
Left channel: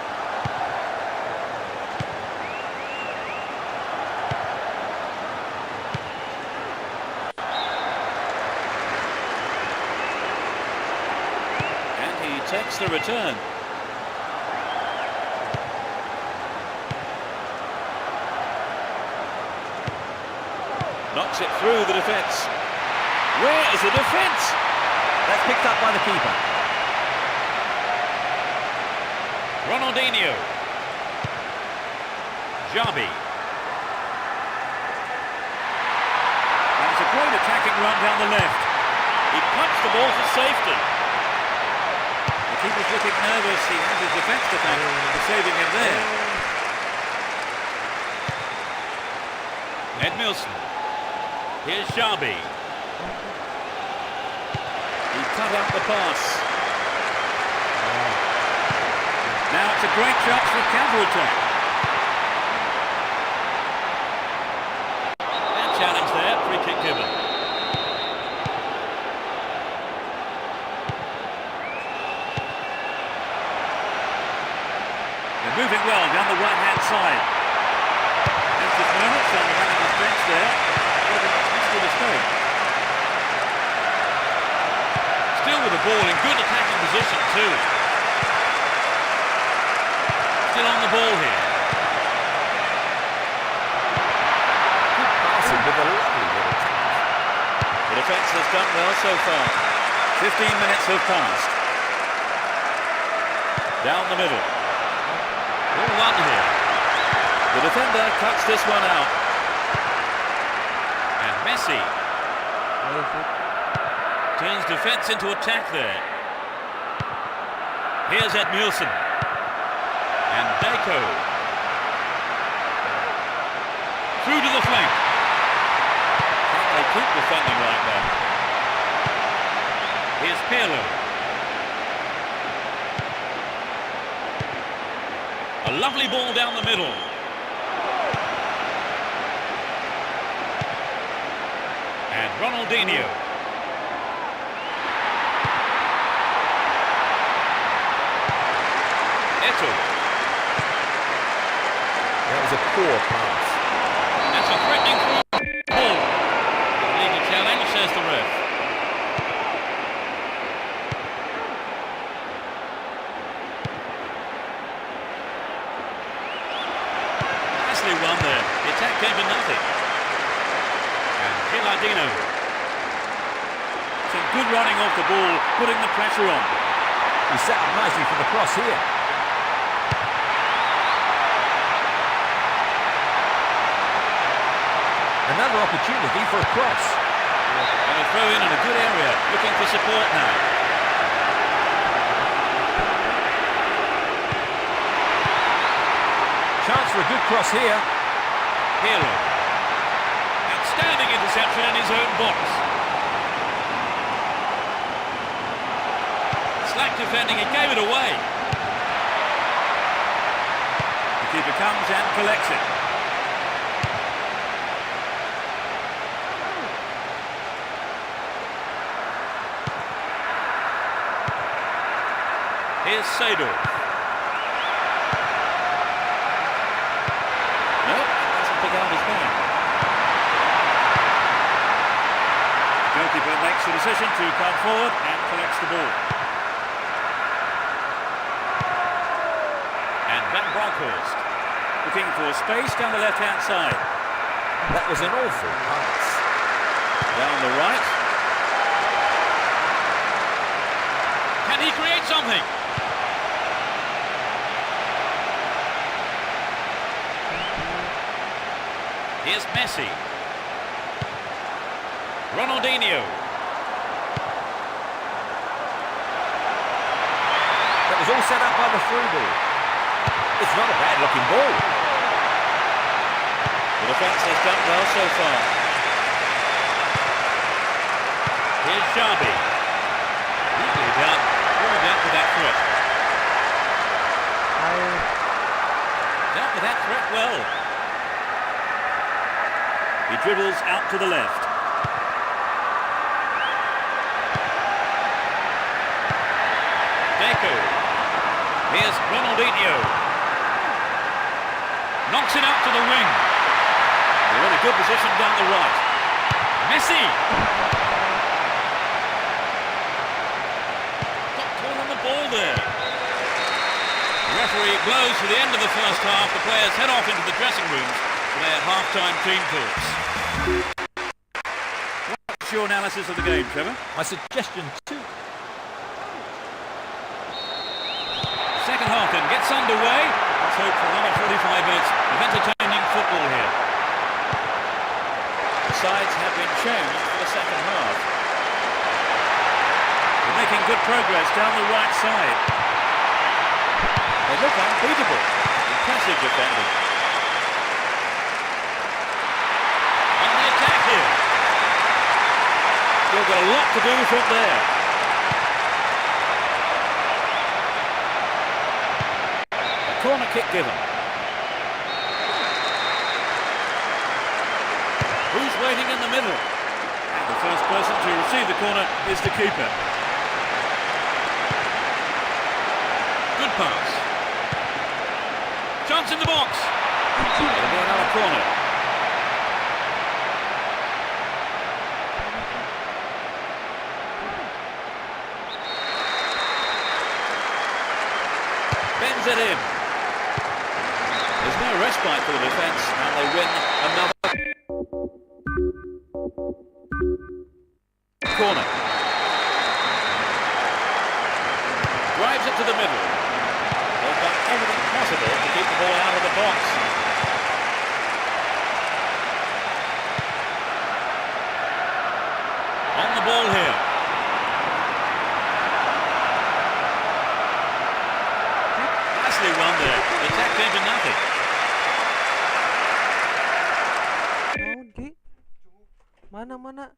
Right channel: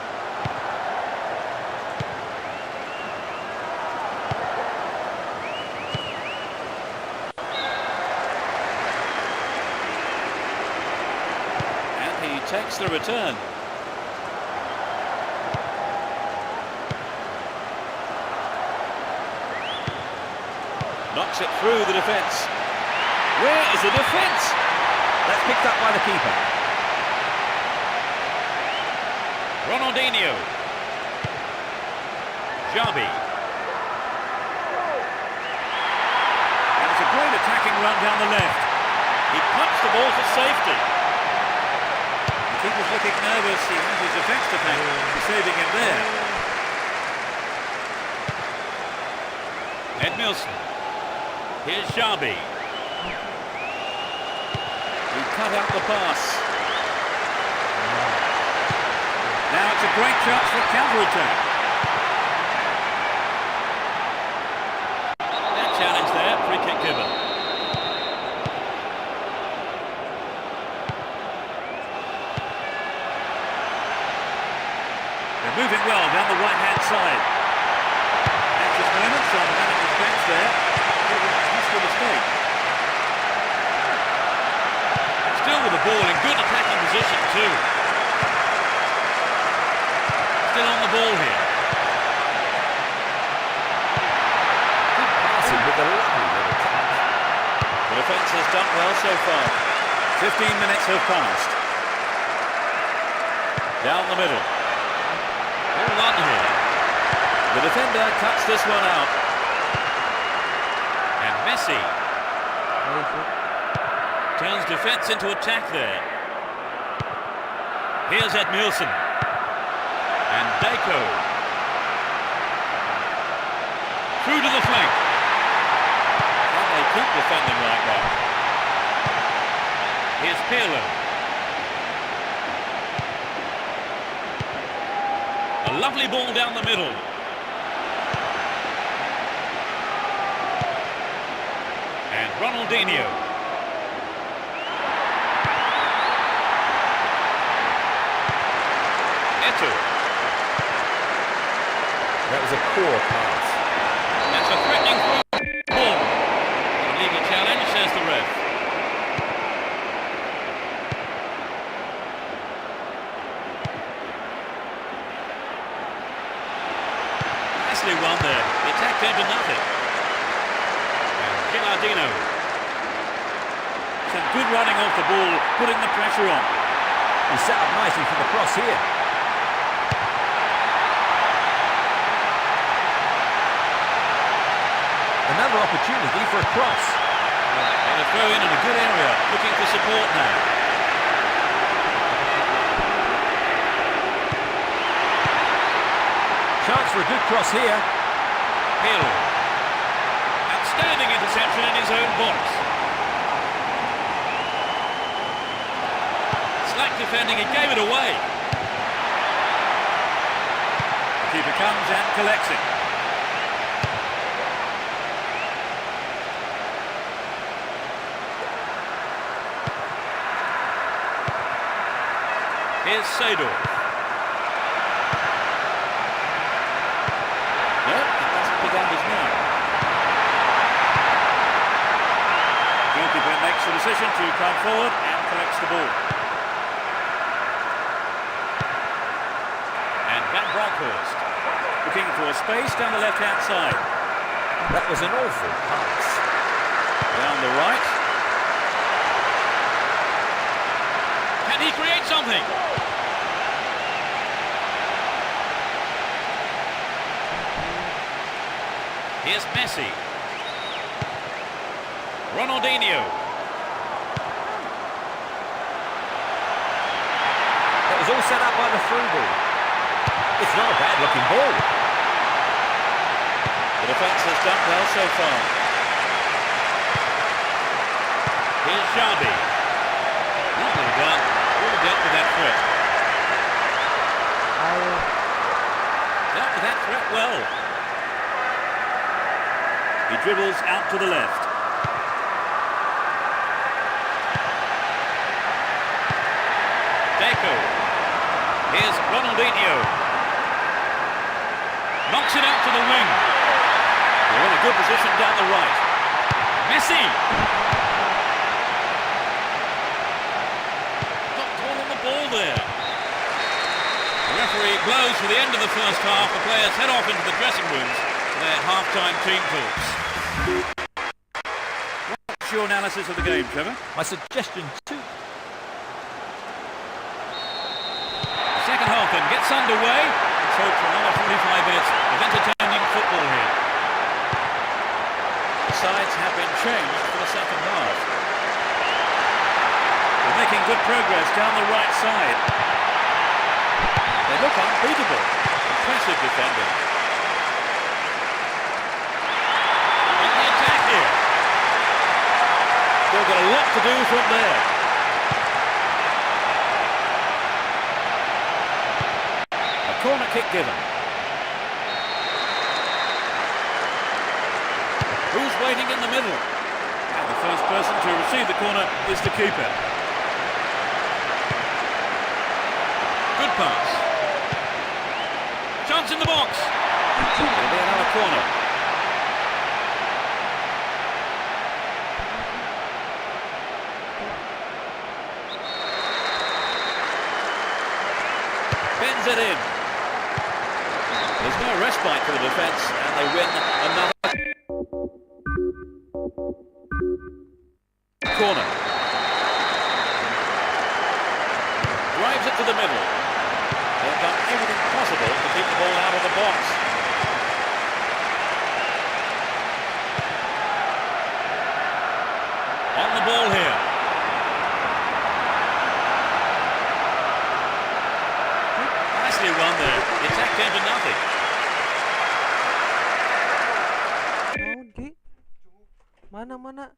And he takes the return. Knocks it through the defence. Where is the defence? That's picked up by the keeper. Ronaldinho. Xabi. And it's a great attacking run down the left. He punched the ball to safety. The keeper's looking nervous. He has his defence to thank for saving him there. Edmilson. Here's Xabi. He cut out the pass. Now it's a great chance for counter-attack. And challenge there, free kick given. They're moving well down the right-hand side. Anxious moments on the manager's bench there. Must be a mistake. Still with the ball in good attacking position too. Still on the ball here. Good passing with a lovely little touch. The defence has done well so far. 15 minutes have passed. Down the middle. All one here. The defender cuts this one out. And Messi turns defence into attack there. Here's Edmilson. And Deco. Through to the flank. Can they keep defending like that? Here's Pirlo. A lovely ball down the middle. And Ronaldinho. Eto'o. That was a poor pass. That's a threatening through ball. A legal challenge, says the ref. Nicely won there. The attack came to nothing. And Gilardino. Some good running off the ball, putting the pressure on. He set up nicely for the cross here. Another opportunity for a cross. And a throw in a good area, looking for support now. Chance for a good cross here. Hero. Outstanding interception in his own box. Slack defending, he gave it away. The keeper comes and collects it. Here's Seydorf. No, it doesn't pick out his man. The goalkeeper makes the decision to come forward and collects the ball. And Van Bronckhorst looking for space down the left-hand side. That was an awful pass. Down the right. Can he create something? Here's Messi. Ronaldinho. That was all set up by the through ball. It's not a bad looking ball. The defence has done well so far. Here's Xabi. Neatly done. Really dealt with that threat. Dealt with that threat well. He dribbles out to the left. Deco. Here's Ronaldinho. Knocks it out to the wing. They're in a good position down the right. Messi. Got caught on the ball there. The referee blows for the end of the first half. The players head off into the dressing rooms for their half-time team talks. What's your analysis of the game, Trevor? My suggestion too. The second half then gets underway. Let's hope for another 45 minutes of entertaining football here. The sides have been changed for the second half. They're making good progress down the right side. They look unbeatable. Impressive defending. On the attack here. Still got a lot to do from there. A corner kick given. Who's waiting in the middle? And the first person to receive the corner is the keeper. Good pass. Chance in the box. It'll be another corner. Bends it in. There's no respite for the defence, and they win another corner. Drives it to the middle. They've done everything possible to keep the ball out of the box. On the ball here. Nicely won there. The attack came to nothing. Mana?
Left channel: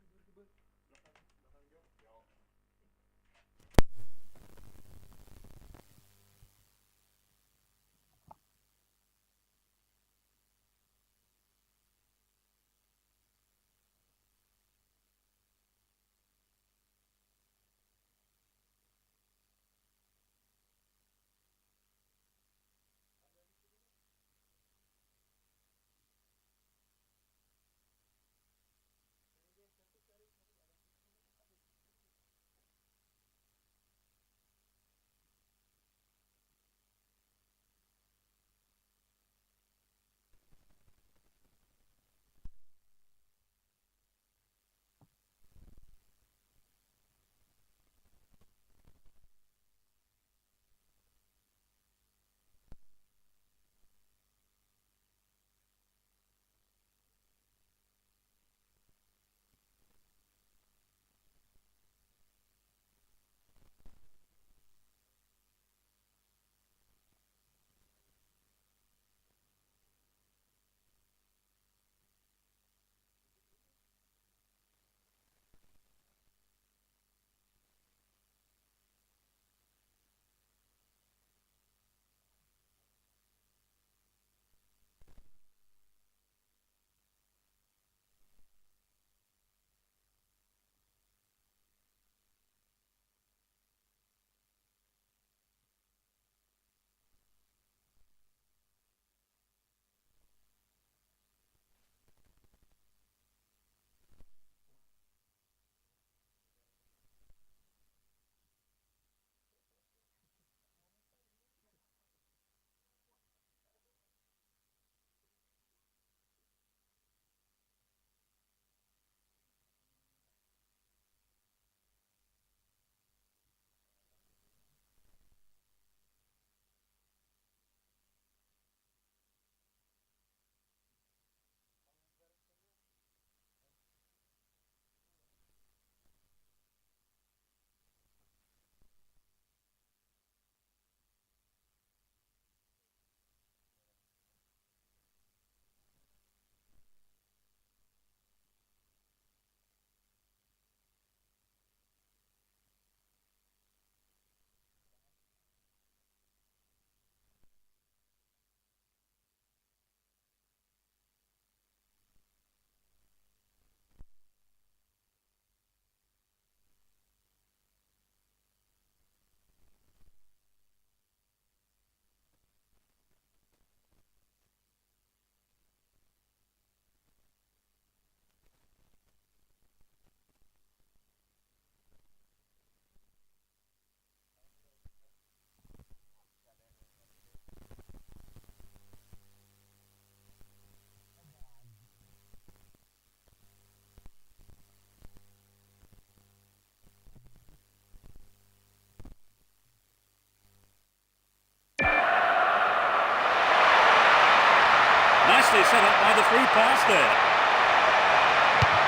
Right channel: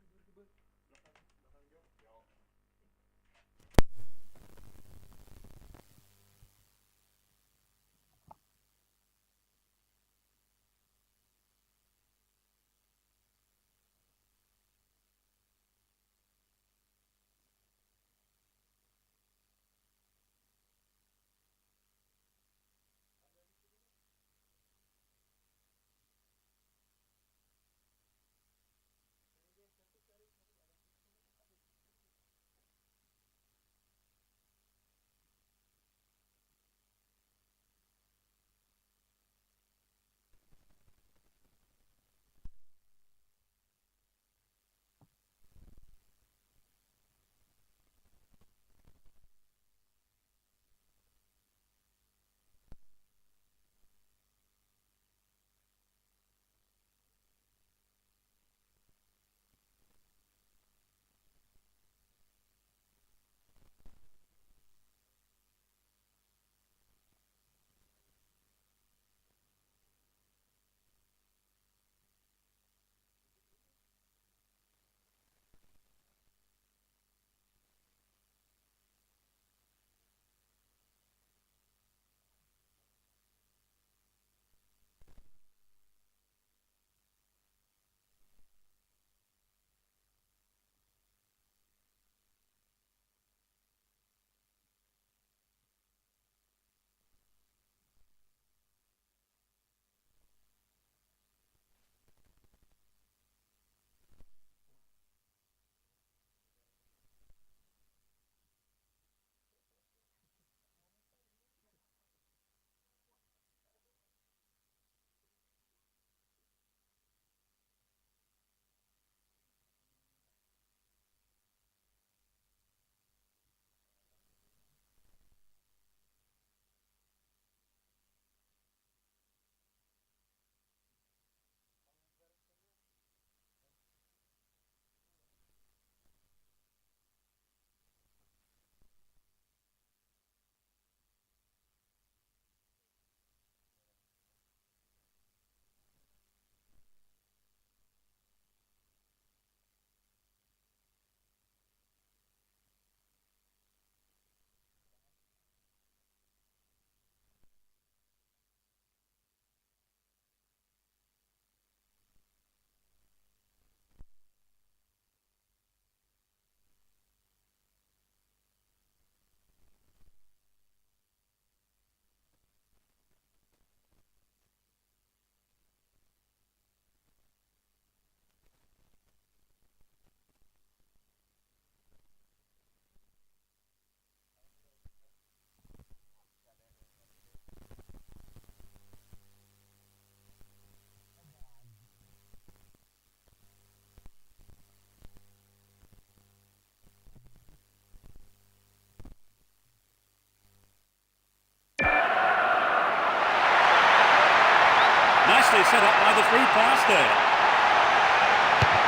nicely set up by the through pass there.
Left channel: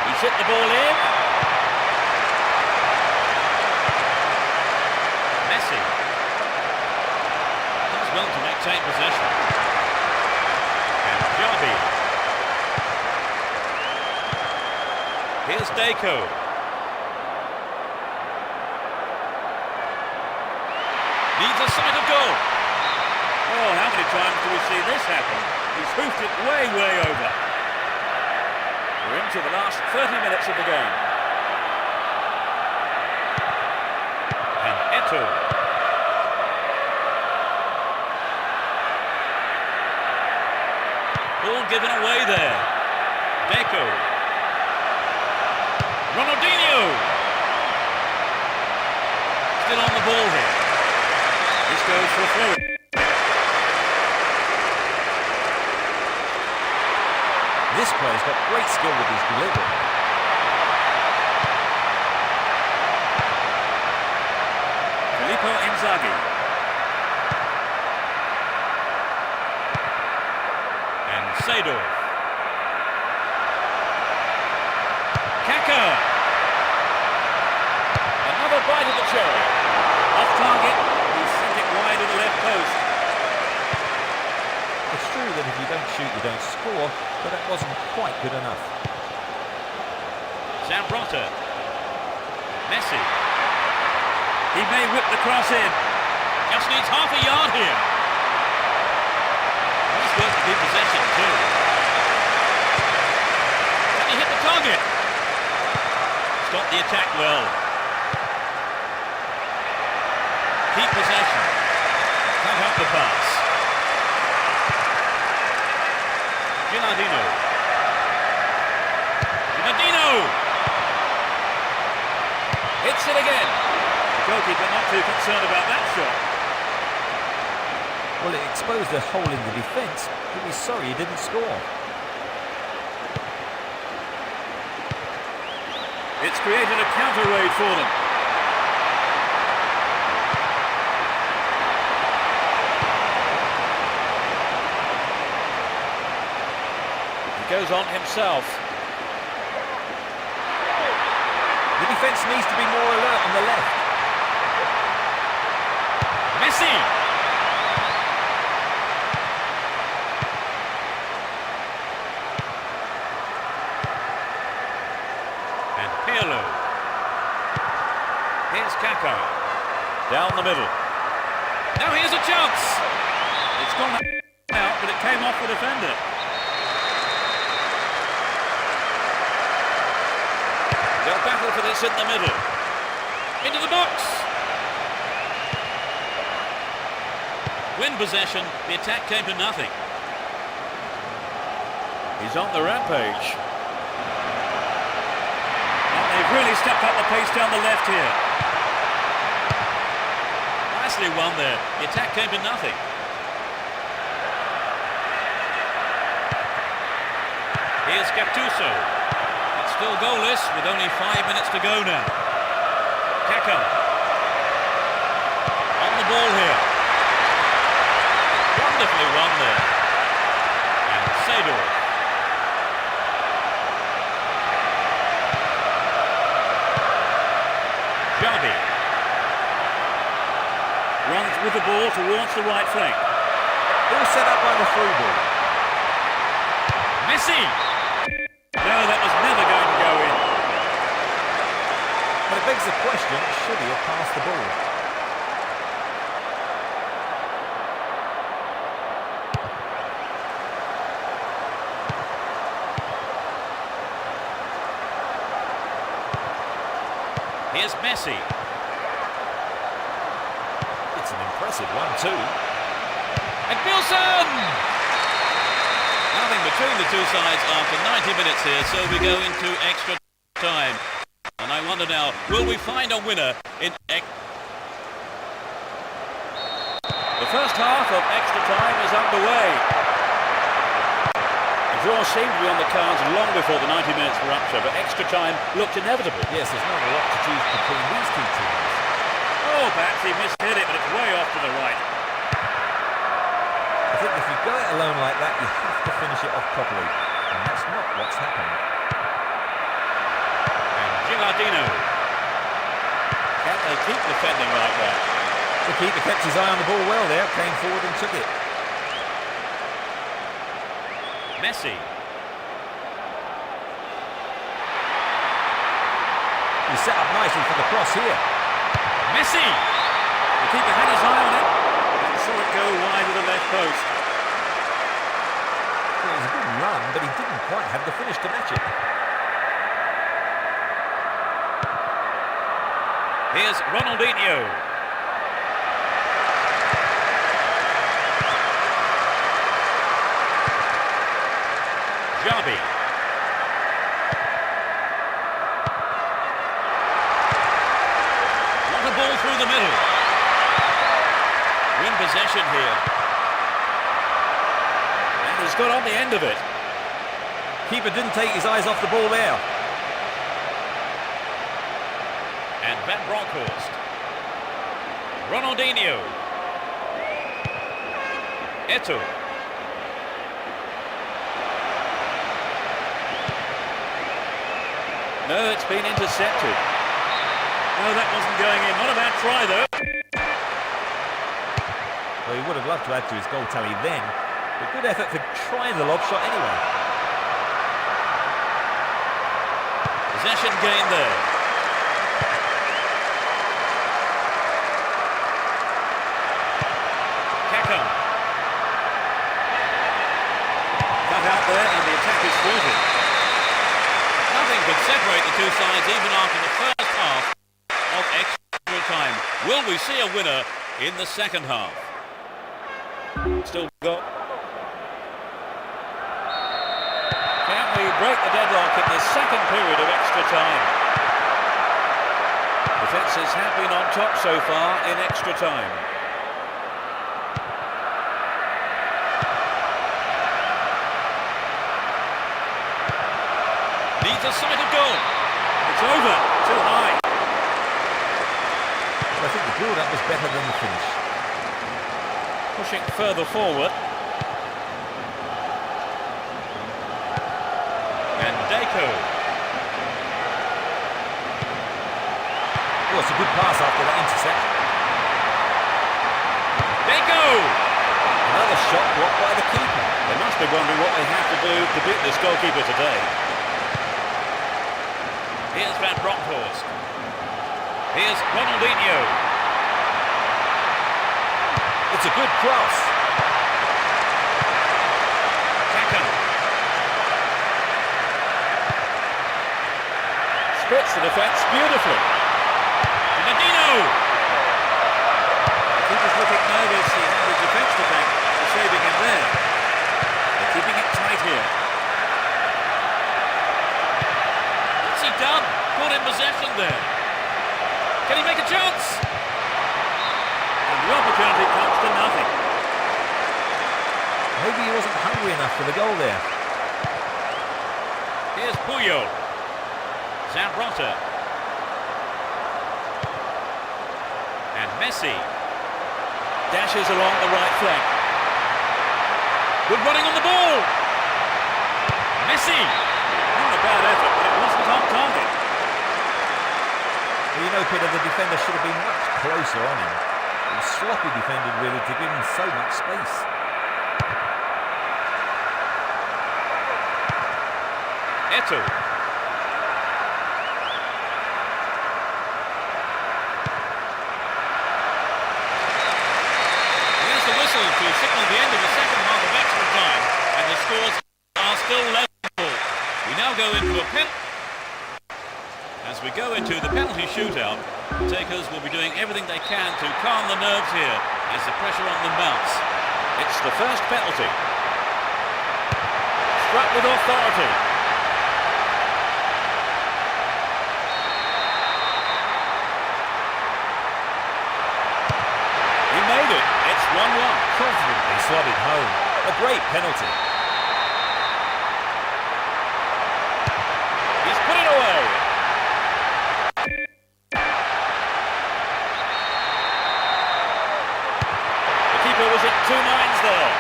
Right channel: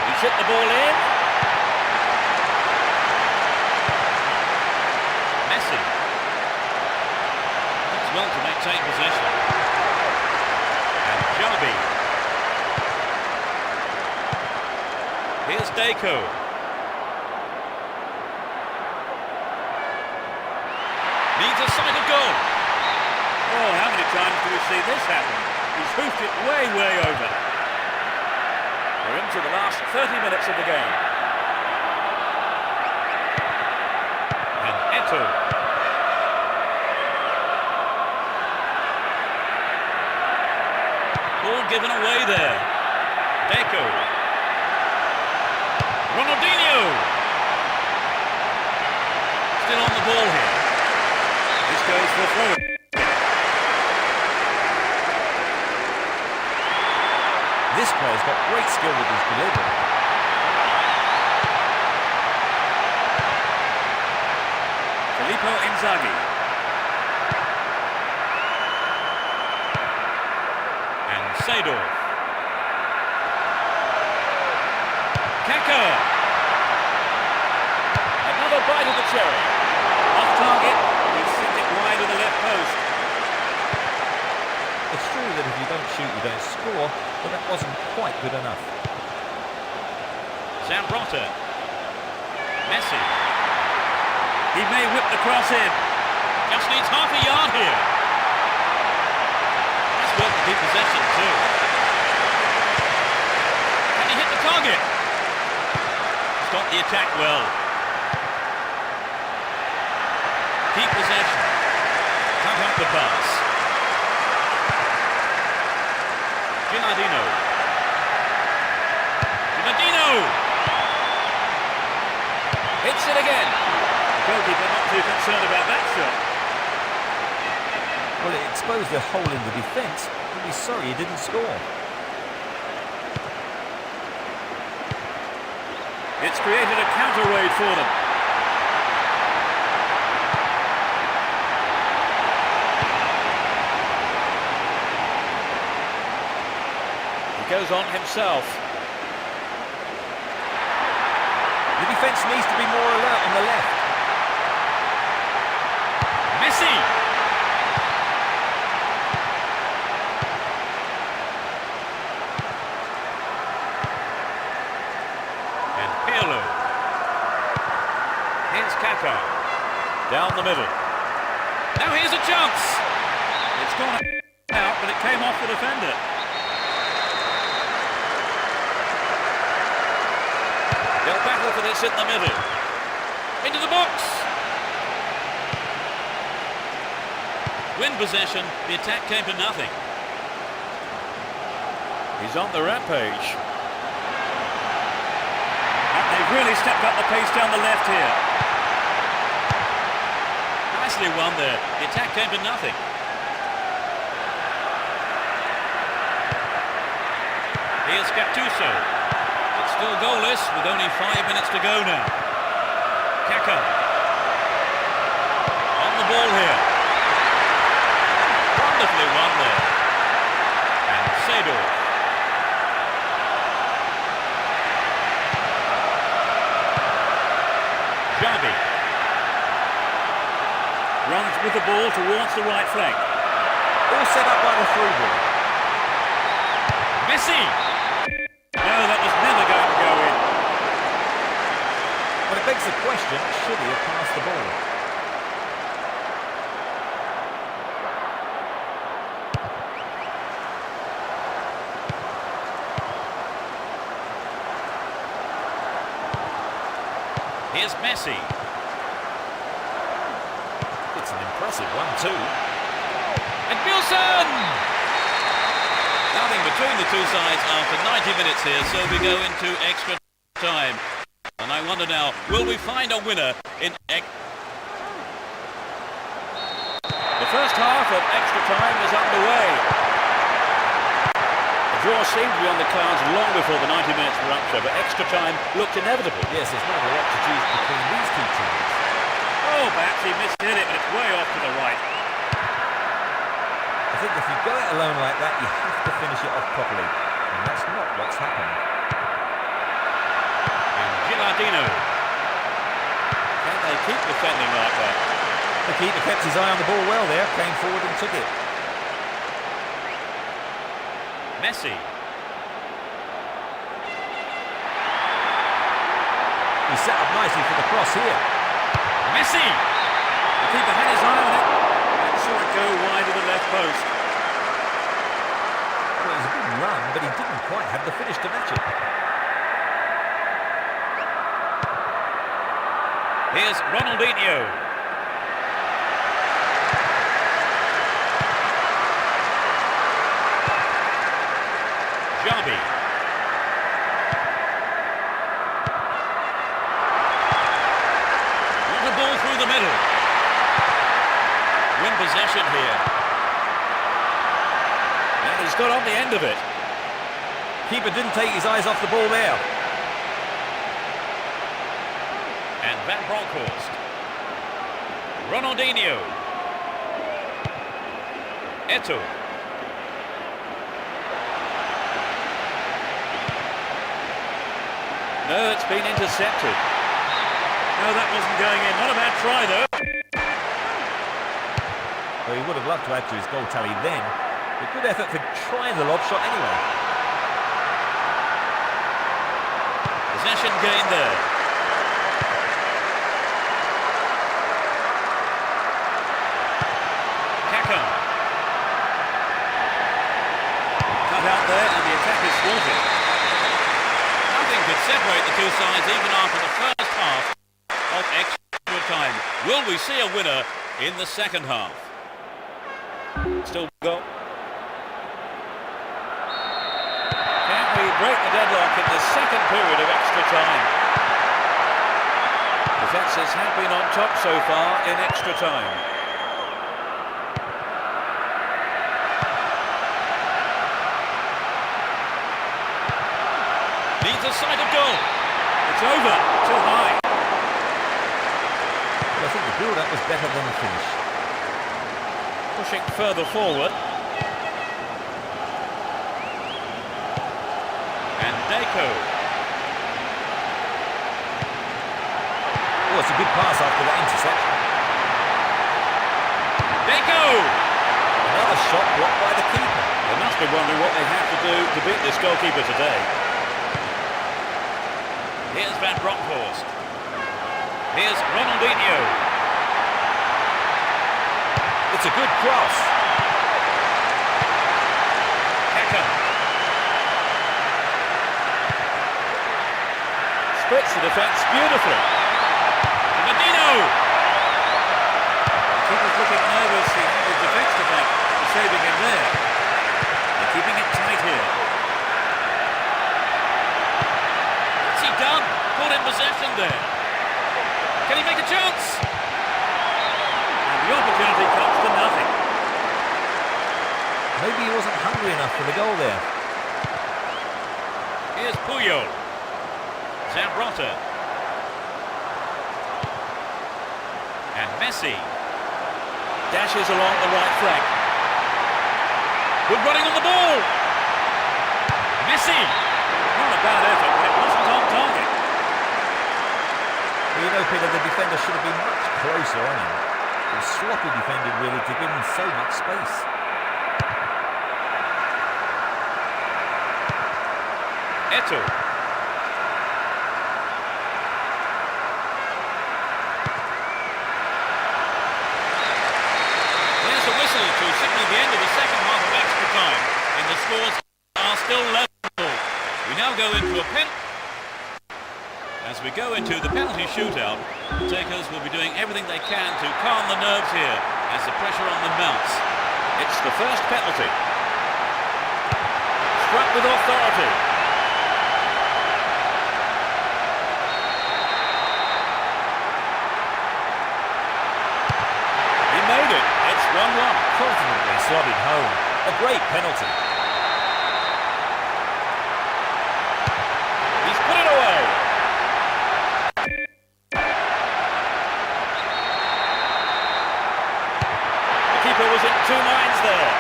He's hit the ball in. Messi does well to maintain possession. And Javi. Here's Deco. Needs a sight of goal. Oh, how many times do we see this happen? He's hoofed it way, way over. We're into the last 30 minutes of the game. And Eto. Ball given away there. Deco. Ronaldinho. Still on the ball here. This goes for a throw. This player's got great skill with his delivery. Filippo Inzaghi. And Seedorf. Kaka. Another bite of the cherry. Off target. He sent it wide of the left post. It's true that if you don't shoot, you don't score, but that wasn't quite good enough. Zambrotta. Messi. He may whip the cross in. Just needs half a yard here. Nice work to keep possession too. Can he hit the target? Stop the attack well. Keep possession. Cut out the pass. Ginardino. Hits it again. The goalkeeper not too concerned about that shot. Well, it exposed a hole in the defence. He'll be sorry he didn't score. It's created a counter raid for them. He goes on himself. The defence needs to be more alert on the left. Messi! And Pirlo. Here's Kaka. Down the middle. Now here's a chance. It's gone out, but it came off the defender. They'll battle for this in the middle. Into the box. Win possession. The attack came to nothing. He's on the rampage. And they've really stepped up the pace down the left here. Nicely won there. The attack came to nothing. Here's Gattuso. It's still goalless with only 5 minutes to go now. Kaka. On the ball here. Wonderfully won there. And Seedorf. Javi. Runs with the ball towards the right flank. All set up by the through ball. Messi! No, that was never going to go in. But it begs the question, should he have passed the ball? Here's Messi. It's an impressive one too. And Wilson! Nothing between the two sides after 90 minutes here, so we go into extra time. And I wonder now, will we find a winner in The first half of extra time is underway. A draw seemed to be on the cards long before the 90 minutes rupture, but extra time looked inevitable. Yes, there's not a lot to choose between these two teams. Oh, perhaps he mishit it, but it's way off to the right. I think if you go it alone like that, you have to finish it off properly. And that's not what's happened. And Gilardino. Can they keep defending like that? The keeper kept his eye on the ball well there, came forward and took it. Messi. He's set up nicely for the cross here. Messi! The keeper had his eye on it and saw it go wide of the left post. Well, it was a good run, but he didn't quite have the finish to match it. Here's Ronaldinho. Jabi. What a ball through the middle. Win possession here. And he's got on the end of it. Keeper didn't take his eyes off the ball there. And Van Bronckhorst. Ronaldinho. Eto'o. No, it's been intercepted. No, that wasn't going in. Not a bad try, though. Well, he would have loved to add to his goal tally then, but good effort for trying the lob shot anyway. Possession gained there. Kaka. Cut out there, and the attack is thwarted. Nothing could separate the two sides even after the first half of extra time. Will we see a winner in the second half? Still go. Can we break the deadlock in the second period of extra time? Defences have been on top so far in extra time. Needs a sight of goal. It's over. Too high. But I think the build-up was better than the finish. Pushing further forward. And Deco. Oh, it's a good pass after that interception. Deco! Another shot blocked by the keeper. They must be wondering what they have to do to beat this goalkeeper today. Here's Van Bronckhorst. Here's Ronaldinho. It's a good cross. Kaka. Splits the defence beautifully. Ronaldinho. The keeper's looking nervous. He had his defence to thank for saving him there. They're keeping it tight here. What's he done? Caught in possession there. Can he make a chance? And the opportunity comes to nothing. Maybe he wasn't hungry enough for the goal there. Here's Puyol. Zambrota. And Messi. Dashes along the right flank. Good running on the ball. Messi. Not a bad effort, but it wasn't on target. Well, you know, Peter, the defender should have been much closer on him. It was sloppy defending, really, to give him so much space. Eto'o. Here's the whistle to signal the end of the second half of extra time, and the scores are still level. We now go into a penalty. As we go into the penalty shootout, the takers will be doing everything they can to calm the nerves here as the pressure on them mounts. It's the first penalty. Struck with authority. He made it. It's 1-1. Confidently slotted home. A great penalty. He's put it away. The keeper was in two minds there.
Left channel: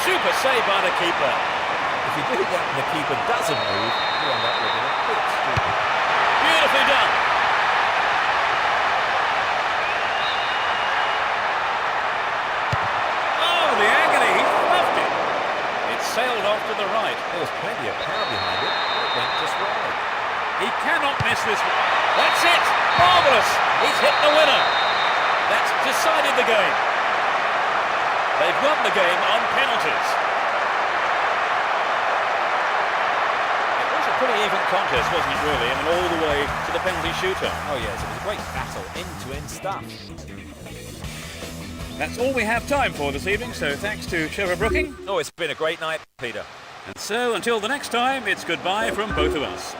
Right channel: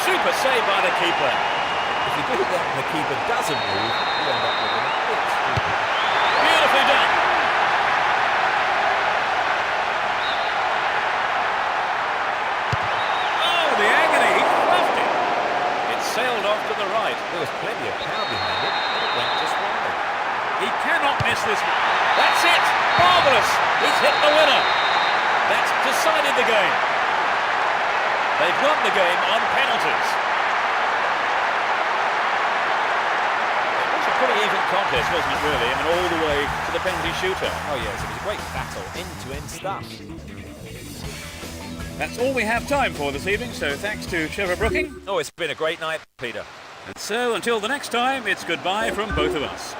Super save by the keeper. If you do that and the keeper doesn't move, you end up looking a bit stupid. Beautifully done. Oh, the agony. He fluffed it. It sailed off to the right. There was plenty of power behind it, but it went just wide. He cannot miss this. That's it. Marvellous. He's hit the winner. That's decided the game. They've won the game on penalties. It was a pretty even contest, wasn't it, really? I mean, all the way to the penalty shootout. Oh yes, it was a great battle, end-to-end stuff. That's all we have time for this evening, so thanks to Trevor Brooking. Oh, it's been a great night, Peter. And so, until the next time, it's goodbye from both of us.